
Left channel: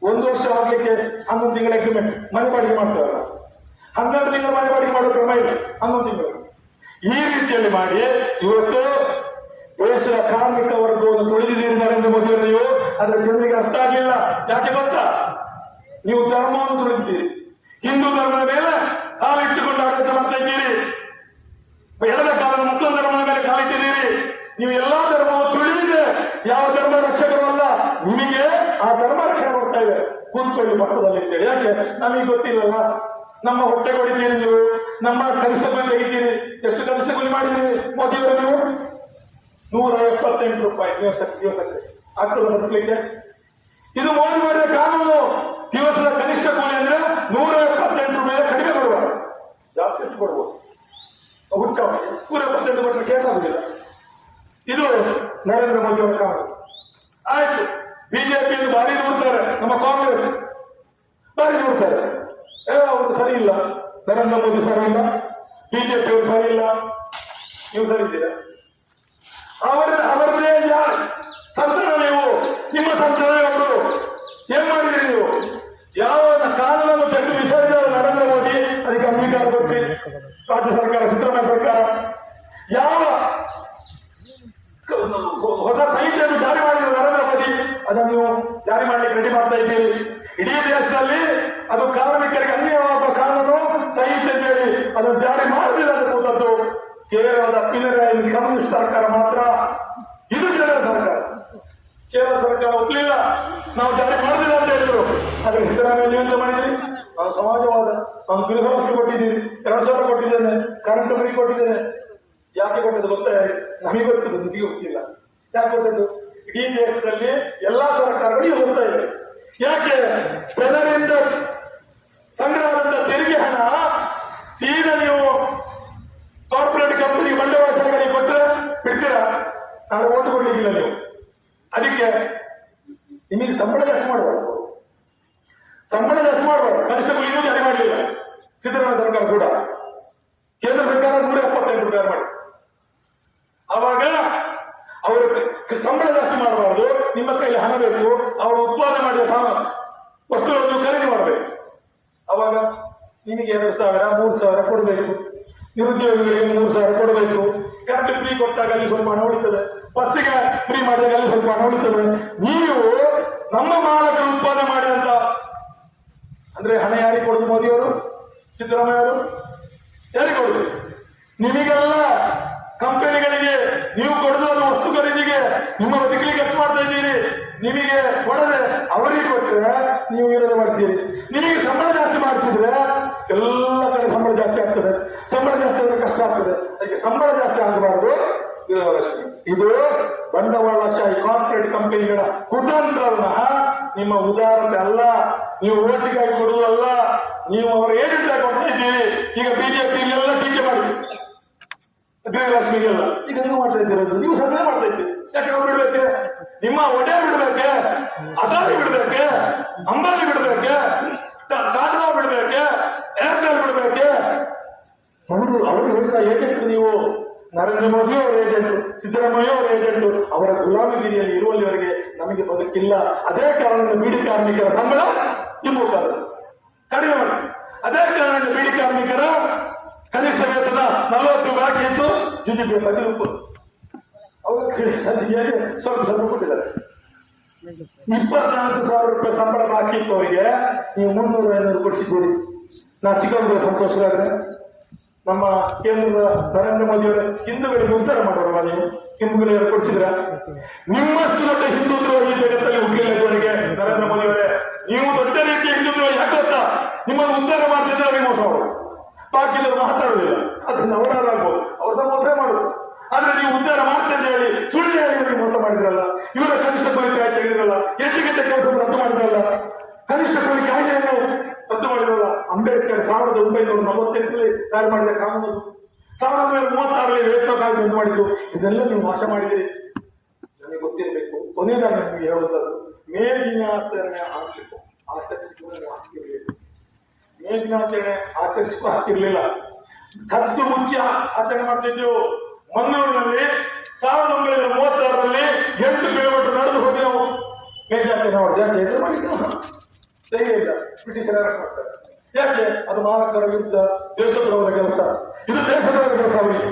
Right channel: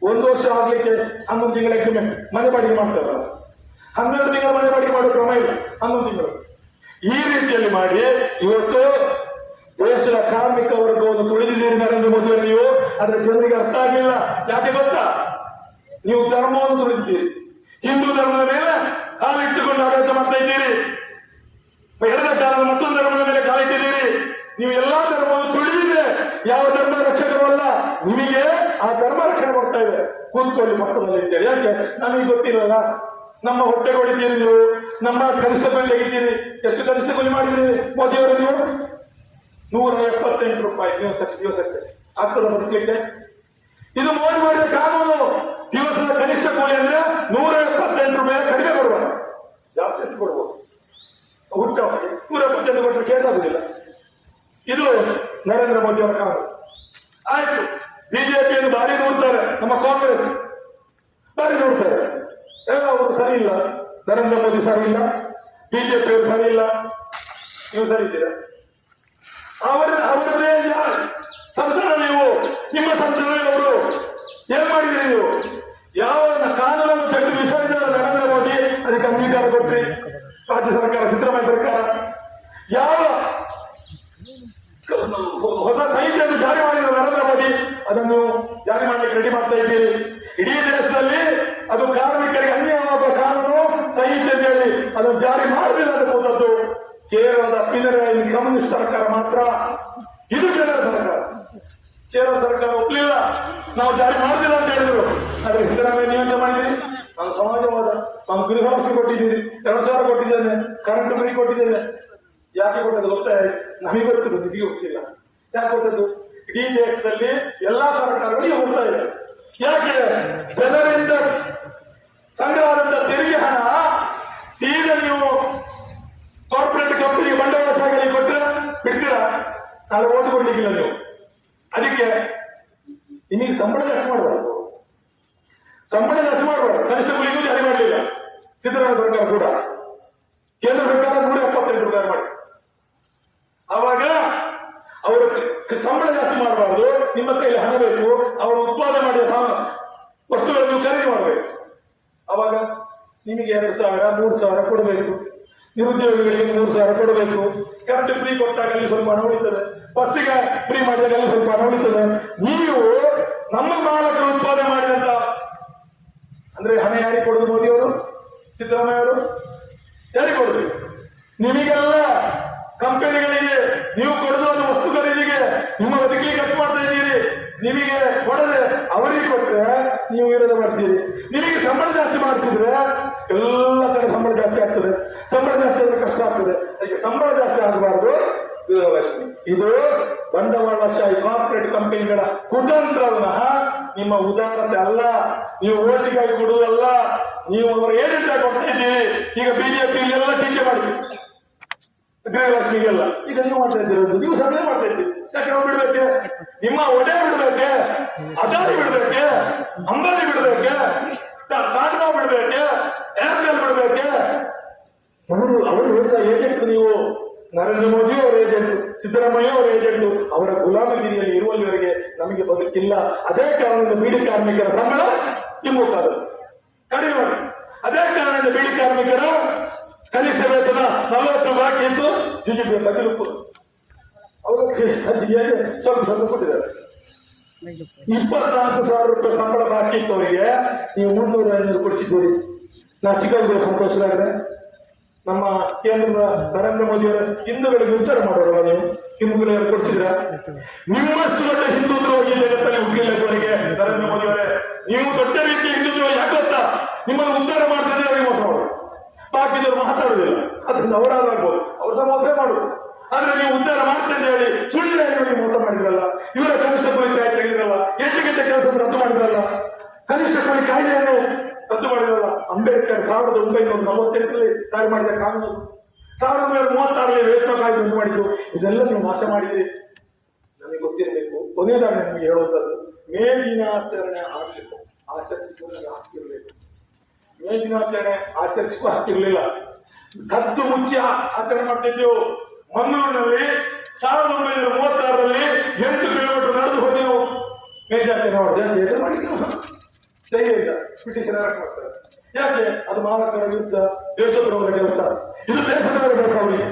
1 ವರ್ಷ ಆಗ್ಲಿಕ್ಕೆ 11 ತಿಂಗಳಿಗೆ ಮನೆ ಬಾಡಿಗೆ ಮಾಡ್ತಾರಲ್ಲ, 12 ತಿಂಗಳ ಮನೆ ಬಾಡಿಗೆ ಮಾಡೋ ಕ್ರಮ ಇಲ್ಲ, 11 ತಿಂಗಳು. ಈ ರೀತಿಯಲ್ಲಿ ಮಾಡಿ ಇವತ್ತು ದೇಶದ ಕಾರ್ಮಿಕ ವರ್ಗವನ್ನು ತೊಳೆದಿದ್ದೀರಿ ನರೇಂದ್ರ ಮೋದಿ ಅವರು. ನೀವು ಆದ್ರೆ ಜನರಿಗೆ ಅರ್ಥ ಆಗಿಲ್ಲ. ಯಾಕೆ ಗೊತ್ತಾ? ನೀವು ಧರ್ಮವನ್ನು ತೊಳೆದಿದ್ದೀರಿ, ಹಿಂದೂ ಧರ್ಮದ ಮೇಲೆ ಕಾಲಿಟ್ಟುಕೊಂಡು ಆಡಳಿತ ಮಾಡ್ತಾ ಇದ್ದೀರಿ, ಎಡದ ಕಾಲದ ಮತ್ತೊಂದು ಧರ್ಮದ ಮೇಲೆ ಕಾಲಿಟ್ಟಿದ್ದೀರಿ. ನೀವು ಎಲ್ಲಾ ಧರ್ಮವು ತುಳಿದಿದೆ. ಯಾವ ಧರ್ಮ ರಕ್ಷಕರಲ್ಲ, ನಿಮಗೆ ಆ ಧರ್ಮ ರಕ್ಷಣೆ ಕೊಡ್ತಾ ಇದೆ. ಕೂತ್ಕೊಳ್ಳಿ ಮಟ್ಟದಲ್ಲಿ ಅಂತೇಳಿ. ಯಾಕೆ? ನಮಗೆ ಗೊತ್ತಿರಲ್ಲ. ನಮ್ಮ ಹೊಟ್ಟೆ ಹೊಡಿತೀರಿ ನೀವು, ನಮ್ಮ ಕನಿಷ್ಠ ಕೂಲಿ ತೆಗಿತೀರಿ. ಎಷ್ಟು ಕನಿಷ್ಠ ಕೂಲಿ ಮಾಡಿದ್ದೀರಿ ಮೋದಿಯವರು? ನೀವು 178 ರೂಪಾಯಿ ದಿವಸಕ್ಕೆ ಆಗ್ತದ ಬದುಕಲಿಕ್ಕೆ? ಇದು ಮೋದಿ ಮಾಡಿದ ಕಾನೂನು. ದಿವಸದ ಕನಿಷ್ಠ ಕೂಲಿ ಅಂದ್ರೆ 178 ರೂಪಾಯಿ ಕಡಿಮೆ ಬರುವ, ಜಾಸ್ತಿ ಕೊಡ್ಬೋದು. ಹುಚ್ಚ 178 ಕೊಟ್ಟರೆ ಕೇಸ್ ಆಗುದಿಲ್ಲ. ಇದು ನರೇಂದ್ರ ಮೋದಿ ಅವರ ಕಾನೂನು. ಆಯ್ತು, ಬಿಜೆಪಿಯಲ್ಲಿ ಭಾರಿ ನೋಡ್ತಾರೆ, ನಮ್ಮ ಕಾಂಗ್ರೆಸ್ ಭಾರಿ ನೋಡ್ತಾರೆ. ಅವರು ಸರಿ ಇಲ್ಲ, ನರೇಂದ್ರ ಮೋದಿ ಸರಿ ಇಲ್ಲ, ಬಿಜೆಪಿಯವರು ಸರಿ ಇಲ್ಲ, ನೀವು ಸರಿ ಇದ್ದೀರಾ? ಅವರದೇ ಸಂತಾನ ನೀವು, ನಿಮ್ಮ ಸಂತಾನ ಅವರು. ಏನ್ ಮಾಡಿದ್ರಿ ನೀವು? ಯಾವ ಕಾನೂನನ್ನು ತೆಗೆದು ಬಿಸಾಡಿದ ನರೇಂದ್ರ ಮೋದಿ ಅದಕ್ಕೆ ಅಂಗೀಕಾರ ಕೊಟ್ರಿ ರಾಜ್ಯ ಸರ್ಕಾರ, ಸಿದ್ದರಾಮಯ್ಯ ಸರ್ಕಾರ. ಯಾವ ಹೊಸ ಸಂಹಿತೆಯನ್ನು ಜಾರಿ ಮಾಡಿದ ನರೇಂದ್ರ ಮೋದಿ ಅದನ್ನು ಜಾರಿ ಮಾಡಲಿಕ್ಕೆ ರೆಡಿ ಮಾಡ್ತಾ ಇದ್ದೀರಿ. ಇಡೀ ದೇಶದಲ್ಲಿ ಅದು ಕಾರ್ಮಿಕರಿಗೆ ಅನ್ಯಾಯವಾದ ಕಾನೂನು ಸಂಹಿತೆ ಹೇಳಿ ಅದನ್ನು ಜಾರಿ ಮಾಡಲಿಲ್ಲ ಅನ್ನುವಂಥದ್ದು ಕೇರಳದ ಪಿನರಾಯಿ ಕಮ್ಯುನಿಸ್ಟ್ ಸರ್ಕಾರ ಮಾತ್ರ. ಇದು ಕೇರಳ ಸರ್ಕಾರ ಒಪ್ಪಲಿಲ್ಲ, ನಾವು ಜಾರಿ ಮಾಡುದಿಲ್ಲ ಅಂತ ಹೇಳಿದ್ರು. ಆದ್ರೆ ಸಿದ್ದರಾಮಯ್ಯ ನೀವಂತ ಮಾಡಿದ್ದೀರಿ, ನಾವು ಸಮಾಜವಾದ, ನಾನು ಗೃಹಲಕ್ಷ್ಮಿ ಕೊಟ್ಟಿದ್ದೀರಿ, 2,000 ಕೊಟ್ಟಿದ್ದೇನೆ, ಕರೆಂಟ್ ಫ್ರೀ ಕೊಟ್ಟಿದ್ದೇನೆ. ಯಾಕೆ ಕೊಟ್ಟದ್ದು ಗೊತ್ತಾ? ನಮಗೆ ಗೊತ್ತಿದ್ದು, ನಿಮಗೆ ಗೊತ್ತಿಲ್ಲ. ಯಾಕೆ ಕೊಟ್ಟದ್ದು? ಇಡೀ ದೇಶದಲ್ಲಿ ಎಲ್ಲಾ ಸರ್ಕಾರಗಳು ಹೋಗ್ತಾ ಇದೆ. ಯಾಕೆ? ಜನರಿಂದ ಸಂಗ್ರಹವಾದಂತ ತೆರಿಗೆ ಹಣ ಸೀದಾ ನೀವು ಕಾರ್ಪೊರೇಟ್ ಕಂಪನಿಗೆ ಬಂಡವಾಳ ಸಾಗಣೆ ಕೊಟ್ಟರೆ ಬಿಡ್ತೀರಾ? ನಾನು ಓಟು ಕೊಡ್ಲಿಕ್ಕಿಲ್ಲ ನೀವು. ಅದಕ್ಕೆ ನಿಮಗೆ ಸಂಬಳ ಜಾಸ್ತಿ ಮಾಡಬಾರ್ದು, ಕನಿಷ್ಠ ಕೂಲಿಗೂ ಜಾರಿ ಮಾಡಲಿಲ್ಲ ಸಿದ್ದರಾಮಯ್ಯ ಸರ್ಕಾರ ಕೂಡ. ಕೇಂದ್ರ ಸರ್ಕಾರ 178 ರೂಪಾಯಿ ಮಾಡಿ. ಆವಾಗ ಅವರು ಸಂಬಳ ಜಾಸ್ತಿ ಮಾಡಬಾರ್ದು, ನಿಮ್ಮ ಕೈಯಲ್ಲಿ ಹಣ ಬೇಕು, ಅವರು ಉತ್ಪಾದನೆ ಮಾಡಿದ ವಸ್ತುಗಳನ್ನು ಖರೀದಿ ಮಾಡಬೇಕು. ಅವಾಗ ನಿಮಗೆ 2,000 3,000 ಕೊಡಬೇಕು, ನಿರುದ್ಯೋಗಿಗಳಿಗೆ 3,000 ಕೊಡಬೇಕು. ಕರೆಂಟ್ ಫ್ರೀ ಕೊಟ್ಟಾಗ ಅಲ್ಲಿ ಸ್ವಲ್ಪ ಹಣ ಉಳಿತದೆ, ಬಸ್ಸಿಗೆ ಫ್ರೀ ಮಾಡಿದಾಗ ಅಲ್ಲಿ ಸ್ವಲ್ಪ ಹಣ ಉಳಿತದೆ. ನೀವು ನಮ್ಮ ಮಾಲಕರು ಉತ್ಪಾದನೆ ಮಾಡಿದಂತ ಅಂದ್ರೆ ಹಣ ಯಾರಿಗೆ ಕೊಡುದು? ಮೋದಿಯವರು, ಸಿದ್ದರಾಮಯ್ಯ ಅವರು ಯಾರಿಗೆ ಕೊಡುದು? ನಿಮಗೆಲ್ಲ ಕಂಪನಿಗಳಿಗೆ ನೀವು ಕೊಡುವುದು ವಸ್ತು ಖರೀದಿಗೆ, ನಿಮ್ಮ ಬದುಕಿಗೆ ಖರ್ಚು ಮಾಡ್ತಾ ಇದ್ದೀರಿ. ನಿಮಗೆ ಕೊಡದೆ ಅವರಿಗೆ ಕೊಟ್ಟರೆ ನೀವು ವಿರೋಧ ಮಾಡ್ತೀರಿ. ನಿಮಗೆ ಸಂಬಳ ಜಾಸ್ತಿ ಮಾಡಿಸಿದ್ರೆ ಎಲ್ಲ ಕಡೆ ಸಂಬಳ ಜಾಸ್ತಿ ಆಗ್ತದೆ, ಸಂಬಳ ಜಾಸ್ತಿ ಆದ್ರೆ ಕಷ್ಟ ಆಗ್ತದೆ. ಅದಕ್ಕೆ ಸಂಬಳ ಜಾಸ್ತಿ ಆಗಬಾರದು. ಇದು ಬಂಡವಾಳಶಾಹಿ ಕಾರ್ಪೊರೇಟ್ ಕಂಪನಿಗಳ ಕುತಂತ್ರವನ್ನ, ನಿಮ್ಮ ಉದಾರತೆ ಅಲ್ಲ. ನೀವು ಓಟಿಗಾಗಿ ಕೊಡುವುದಲ್ಲ, ನೀವು ಅವರ ಏಜೆಂಟ್ ಆಗಿ ಕೊಡ್ತಾ ಇದ್ದೀರಿ. ಈಗ ಬಿಜೆಪಿ ಇಲ್ಲೆಲ್ಲ ಟೀಕೆ ಮಾಡಿ ಗೃಹಲಕ್ಷ್ಮಿಗೆಲ್ಲ ಈಗ ನೀವು ಮಾಡ್ತಾ ಇದ್ದೀರೋದು, ನೀವು ಸರ್ಕಾರ ಮಾಡ್ತಾ ಇದ್ದೀರಿ. ಯಾಕೆ ನಾವು ಬಿಡ್ಬೇಕೆ? ನಿಮ್ಮ ಒಡೆ ಬಿಡ್ಬೇಕೆ, ಅದಾನಿ ಬಿಡ್ಬೇಕೆ, ಅಂಬಾನಿ ಬಿಡ್ಬೇಕೆ, ಟಾಟಾ ಬಿಡ್ಬೇಕೆ, ಏರ್ಟೆಲ್ ಬಿಡ್ಬೇಕೆ? ಅವರು ಹೇಳಿದ ಏಜೆಂಟ್ ನೀವು. ನರೇಂದ್ರ ಮೋದಿ ಅವರ ಏಜೆಂಟ್, ಸಿದ್ದರಾಮಯ್ಯ ಅವರ ಏಜೆಂಟ್. ಅವರ ಗುಲಾಮಗಿರಿಯಲ್ಲಿ ಇರುವಲ್ಲಿವರೆಗೆ ನಮಗೆ ಬದುಕಿಲ್ಲ. ಅದೇ ಕಾರಣದಿಂದ ಬೀಡಿ ಕಾರ್ಮಿಕರ ಸಂಬಳ ಹಿಮ್ಮುಖಾದದ್ದು ಕಡಿಮೆ ಮಾಡಿ. ಅದೇ ಕಾರಣದಿಂದ ಬೀಡಿ ಕಾರ್ಮಿಕರ ಕನಿಷ್ಠ ವೇತನ 40 ಬಾಕಿ ಇದ್ದು ಜುಜುಬೇಕಾಗಿ ರೂಪುದು. ಅವರು ಸಂಜೆಯಲ್ಲಿ ಸ್ವಲ್ಪ ಕೊಟ್ಟಿದ್ದಾರೆ. 24,000 ರೂಪಾಯಿ ಸಂಬಳ ಬಾಕಿ ಇತ್ತು ಅವರಿಗೆ, ನೀವು 300-500 ಕೊಡಿಸಿದ್ದೀರಿ. ನಾ ಚಿಕ್ಕಂದು ಸಂತೋಷವಾದ್ರೆ ನಮ್ಮ ಕೇಂದ್ರದ ನರೇಂದ್ರ ಮೋದಿ ಅವರ ಹಿಂದೂಗಳಿಗೆ ಉದ್ಧಾರ ಮಾಡೋರಲ್ಲ ನೀವು, ಹಿಂದೂಗಳಿಗೆ ಕೊಡಿಸಿದ್ರ? ನಿಮ್ಮಷ್ಟು ದೊಡ್ಡ ಹಿಂದೂ ದ್ರೋಹಿ ಜಗತ್ತಲ್ಲಿ ಹುಟ್ಟಿಲ್ಲ ಇವರಿಗೆ ನರೇಂದ್ರ ಮೋದಿ ಅವರೇ. ನೀವು ದೊಡ್ಡ ರೀತಿಯ ಹಿಂದೂ ದ್ರೋಹಿ. ಯಾಕೆ ಗೊತ್ತಾ? ನಿಮ್ಮನ್ನು ಉದ್ಧಾರ ಮಾಡ್ತಿದ್ರೆ ಅವರಿಗೆ ಮೋಸ ಮಾಡೋದು, ಬಾಕಿದವರು ಮಾತಾಡುವುದಿಲ್ಲ. ಅದರಿಂದ ಅವರಾಗಬಹುದು, ಅವ್ರು ಸಹ ಮೋಸ ಮಾಡುದು. ಆದ್ರೆ ನೀವು ಉದ್ಧಾರ ಮಾಡ್ತೇನೆ ಹೇಳಿ ಸುಳ್ಳು ಹೇಳಿ ಇವರಿಗೆ ಮೋಸ ಮಾಡಿದ್ರಲ್ಲ. ಇವರ ಕನಿಷ್ಠ ಕೂಲಿ ಕಾಯ್ದೆ ತೆಗೆದಿರಲ್ಲ, 8 ಗಂಟೆ ಕೆಲಸವನ್ನು ರದ್ದು ಮಾಡಿದ್ರಲ್ಲ, ಕನಿಷ್ಠ ಕೂಲಿ ಕಾಯ್ದೆಯನ್ನು ರದ್ದು ಮಾಡಿದ್ರಲ್ಲ. ಅಂಬೇಡ್ಕರ್ 1948ರಲ್ಲಿ ಜಾರಿ ಮಾಡಿದ ಕಾನೂನು, 1936ರಲ್ಲಿ ವೇತನ ಕಾಯ್ದೆ ರದ್ದು ಮಾಡಿದ್ದು. ಇದೆಲ್ಲ ನೀವು ನಾಶ ಮಾಡಿದಿರಿ. ನನಗೆ ಗೊತ್ತಿರಬೇಕು. ಕೊನೆಯದಾಗಿ ನಿಮಗೆ ಹೇಳುವಂಥದ್ದು, ಮೇ ದಿನಾಚರಣೆ ಆಚರಿಸಿಕೊಂಡು ಹಾಕಿರಬೇಕು. ಮೇ ದಿನಾಚರಣೆ ಆಚರಿಸಿಕೂ ಹಾಕಿರ್ಲಿಲ್ಲ, ಕದ್ದು ಮುಚ್ಚಿ ಆಚರಣೆ ಮಾಡ್ತಿದ್ದೆವು. ಮಂಗಳೂರಿನಲ್ಲಿ 1936ರಲ್ಲಿ 8 ಕಿಲೋಮೀಟರ್ ನಡೆದು ಹೋಗಿ ನಾವು ಮೇ ದಿನಾಚರಣೆ ಮಾಡಿದ್ದೆ. ಧೈರ್ಯ ಇಲ್ಲ, ಬ್ರಿಟಿಷರ ಮಾಡ್ತಾರೆ. ಯಾಕೆ? ಅದು ಮಾಲಕರ ಯುದ್ಧ, ದೇಶದ್ರೋಹದ ಕೆಲಸ. ಇದು ದೇಶದ್ರೋಹದ ಕೆಲಸ ಅವರಿಗೆ,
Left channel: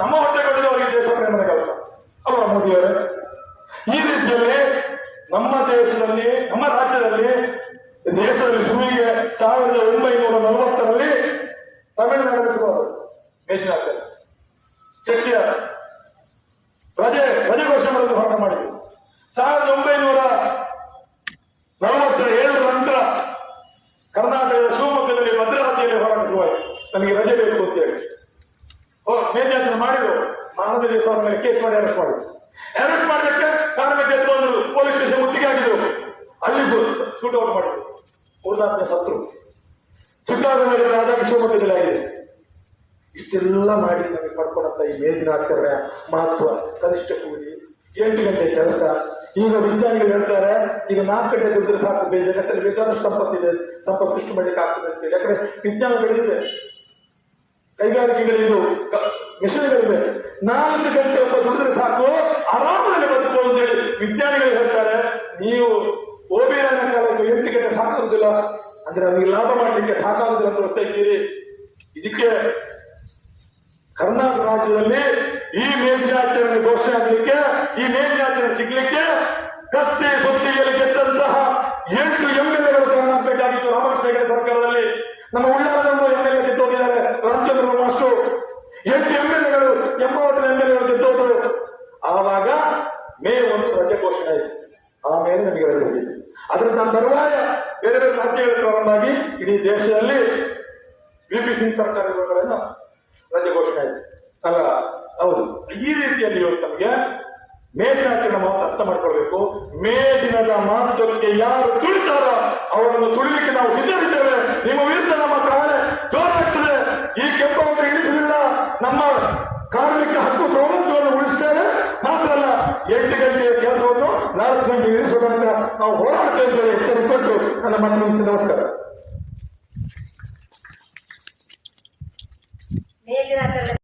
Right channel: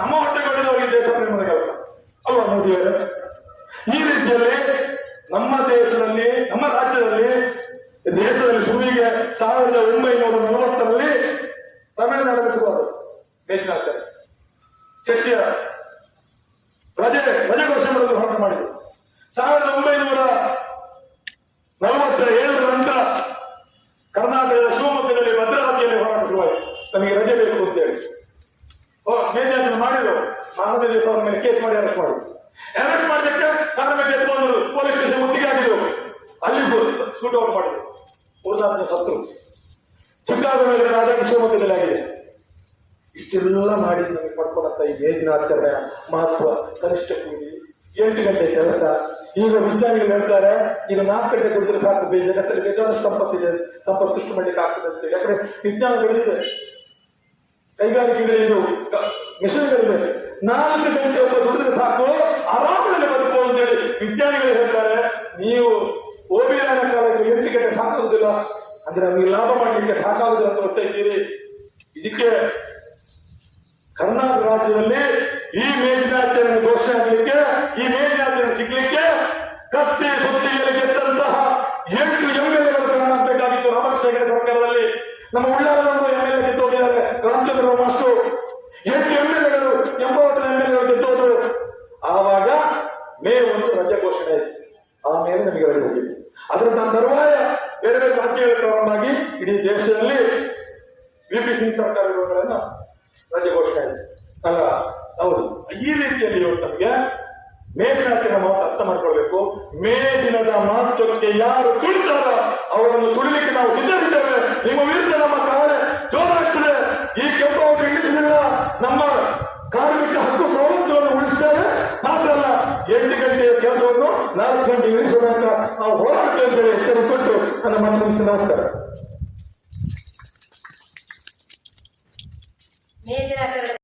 ನಮ್ಮ ಹೊಟ್ಟೆಗಳಿದವರಿಗೆ ದೇಶ ಪ್ರೇಮದ ಕೆಲಸ ಅಲ್ವಾ ಮೋದಿಯವರೇ? ಈ ರೀತಿಯಲ್ಲಿ ನಮ್ಮ ದೇಶದಲ್ಲಿ, ನಮ್ಮ ರಾಜ್ಯದಲ್ಲಿ, ದೇಶದಲ್ಲಿ ಶುರುವಿಗೆ 1940ರಲ್ಲಿ ತಮಿಳುನಾಡಿನ ಶುರುವಾದ ಮೇಜಿನಾಚರಣೆ ಚೆಟ್ಟಿಯ ರಜೆ ಘೋಷಣೆಗಳನ್ನು ಹೊರಟ ಮಾಡಿದರು. 1947 ನಂತರ ಕರ್ನಾಟಕದ ಶಿವಮೊಗ್ಗದಲ್ಲಿ ಭದ್ರಾವತಿಯಲ್ಲಿ ಹೋರಾಟ ಶುರುವಾಯಿತು. ನಮಗೆ ರಜೆ ಬೇಕು ಅಂತೇಳಿ ಮೇಜಿನಾಚರಣೆ ಮಾಡಿದ್ರು. ಮಾನವ ದಿವಸ ಅವರ ಮೇಲೆ ಕೇಸ್ ಮಾಡಿ ಅರೆಸ್ಟ್ ಮಾಡಿದ್ರು. ಅರೆಸ್ಟ್ ಮಾಡಿದಕ್ಕೆ ಕಾರ್ಮಿಕರು ಬಂದರು, ಪೊಲೀಸ್ ಸ್ಟೇಷನ್ ಮುತ್ತಿಗೆ ಹಾಕಿದ್ರು. ಅಲ್ಲಿ ಶೂಟ್ ಔಟ್ ಮಾಡಿದ್ರು, 3-4 ಜನ ಸತ್ರು. ಚಿಕ್ಕಾಗೋದಲ್ಲಿ ಆದಾಗ ಶಿವಮೊಗ್ಗದಲ್ಲಿ ಆಗಿದೆ. ಇಷ್ಟೆಲ್ಲ ಮಾಡಿ ನಮಗೆ ಪಡ್ಕೊಂಡಂತ ಈ ಮೇಜಿನಾಚರಣೆ ಮಹತ್ವ, ಕನಿಷ್ಠ ಕೂಲಿ, 8 ಗಂಟೆ ಕೆಲಸ. ಈಗ ವಿಜ್ಞಾನಿಗಳು ಹೇಳ್ತಾರೆ, ಈಗ 4 ಗಂಟೆ ದುಡಿದ್ರೆ ಸಾಕು, ಜಗತ್ತಲ್ಲಿ ಬೇಕಾದಷ್ಟು ಸಂಪತ್ತಿದೆ, ಸಂಪತ್ತು ಸೃಷ್ಟಿ ಮಾಡಲಿಕ್ಕೆ ಆಗ್ತದೆ ಅಂತೇಳಿ. ಯಾಕಂದ್ರೆ ವಿಜ್ಞಾನ ಬೆಳೆದಿದೆ, ಕೈಗಾರಿಕೆಗಳಿದು, ಮಿಷನ್ಗಳಿದೆ. 4 ಗಂಟೆ ದುಡಿದ್ರೆ ಸಾಕು, ಆರಾಮದಲ್ಲಿ ಬದುಕು ಅಂತೇಳಿ ವಿಜ್ಞಾನಿಗಳು ಹೇಳ್ತಾರೆ. ನೀವು ಓಬಿರಾನ ಕಾಲಕ್ಕೆ 8 ಗಂಟೆ ಸಾಕಾಗುದಿಲ್ಲ ಅಂದ್ರೆ ನಮಗೆ ಲಾಭ ಮಾಡಲಿಕ್ಕೆ ಸಾಕಾಗುದಿಲ್ಲ ಅಂತ ಗೊತ್ತಾ ಇದ್ದೀರಿ. ಇದಕ್ಕೆ ಕರ್ನಾಟಕ ರಾಜ್ಯದಲ್ಲಿ ಈ ಮೇದಿನಾಚರಣೆ ಘೋಷಣೆ ಆಗಲಿಕ್ಕೆ, ಈ ಮೇದಿನಾಚರಣೆ ಸಿಗ್ಲಿಕ್ಕೆ ಕತ್ತಿ ಸುತ್ತಿಯಲ್ಲಿ ಗೆದ್ದಂತಹ 8 MLAಗಳು ಕಾರಣ ಆಗಬೇಕಾಗಿತ್ತು. ರಾಮಕೃಷ್ಣ ಹೆಗಡೆ ಸರ್ಕಾರದಲ್ಲಿ ನಮ್ಮ ಉಳ್ಳಾಲದವರು MLA ಗೆದ್ದೋಗಿದ್ದಾರೆ. ರಾಮಚಂದ್ರ ಮಾಸ್ಟರ್ 8 MLAಗಳು 80 MLAಗಳು ಗೆದ್ದೋದ್ರು. ಆವಾಗ ಮೇ 1 ರಜೆ ಘೋಷಣೆ ಆಯಿತು. ಆಮೇಲೆ ನಮಗೆ ರಜೆ ಹೋಗಿತ್ತು. ಅದರ ತರುವಾಯ ಬೇರೆ ಬೇರೆ ರಾಜ್ಯಗಳು ಪ್ರಾರಂಭ ಆಗಿ ಇಡೀ ದೇಶದಲ್ಲಿ VP ಸಿಂಗ್ ಸರ್ಕಾರಗಳನ್ನ ರಜೆ ಘೋಷಣೆ ಆಯಿತು. ಅಲ್ಲ, ಹೌದು. ಈ ರೀತಿಯಲ್ಲಿ ಇವತ್ತು ನಮಗೆ ಮೇ ದಿನಾಚರಣೆ ಮಾತು ಅರ್ಥ ಮಾಡ್ಕೊಳ್ಬೇಕು. ಮೇ ದಿನದ ಮಹತ್ವಕ್ಕೆ ಯಾರು ತುಳಿತಾರ ಅವರನ್ನು ತುಳಿಲಿಕ್ಕೆ ನಾವು ಸಿದ್ಧರಿದ್ದೇವೆ. ನಿಮ್ಮ ವಿರುದ್ಧ ನಮ್ಮ ಪ್ರಾಣ ಜೋರಾಗ್ತದೆ. ಈ ಕೆಂಪು ಇಳಿಸಲಿಲ್ಲ, ನಮ್ಮ ಕಾರ್ಮಿಕ ಹಕ್ಕು ಸವಲತ್ತುಗಳನ್ನು ಉಳಿಸ್ತೇವೆ. ಮಾತ್ರ ಅಲ್ಲ, 8 ಗಂಟೆಯ ಕೆಲಸವನ್ನು 4 ಗಂಟೆ ಇಳಿಸುವುದಕ್ಕೆ ನಾವು ಹೋರಾಡ್ತೇವೆ ಅಂತ ಹೇಳಿ ಎಚ್ಚರಿಕೆ ಕೊಟ್ಟು ನನ್ನ ಮಾತು ಮುಗಿಸಿ ನಮಸ್ಕಾರ. ಮೇದಿನಾಚರಣೆ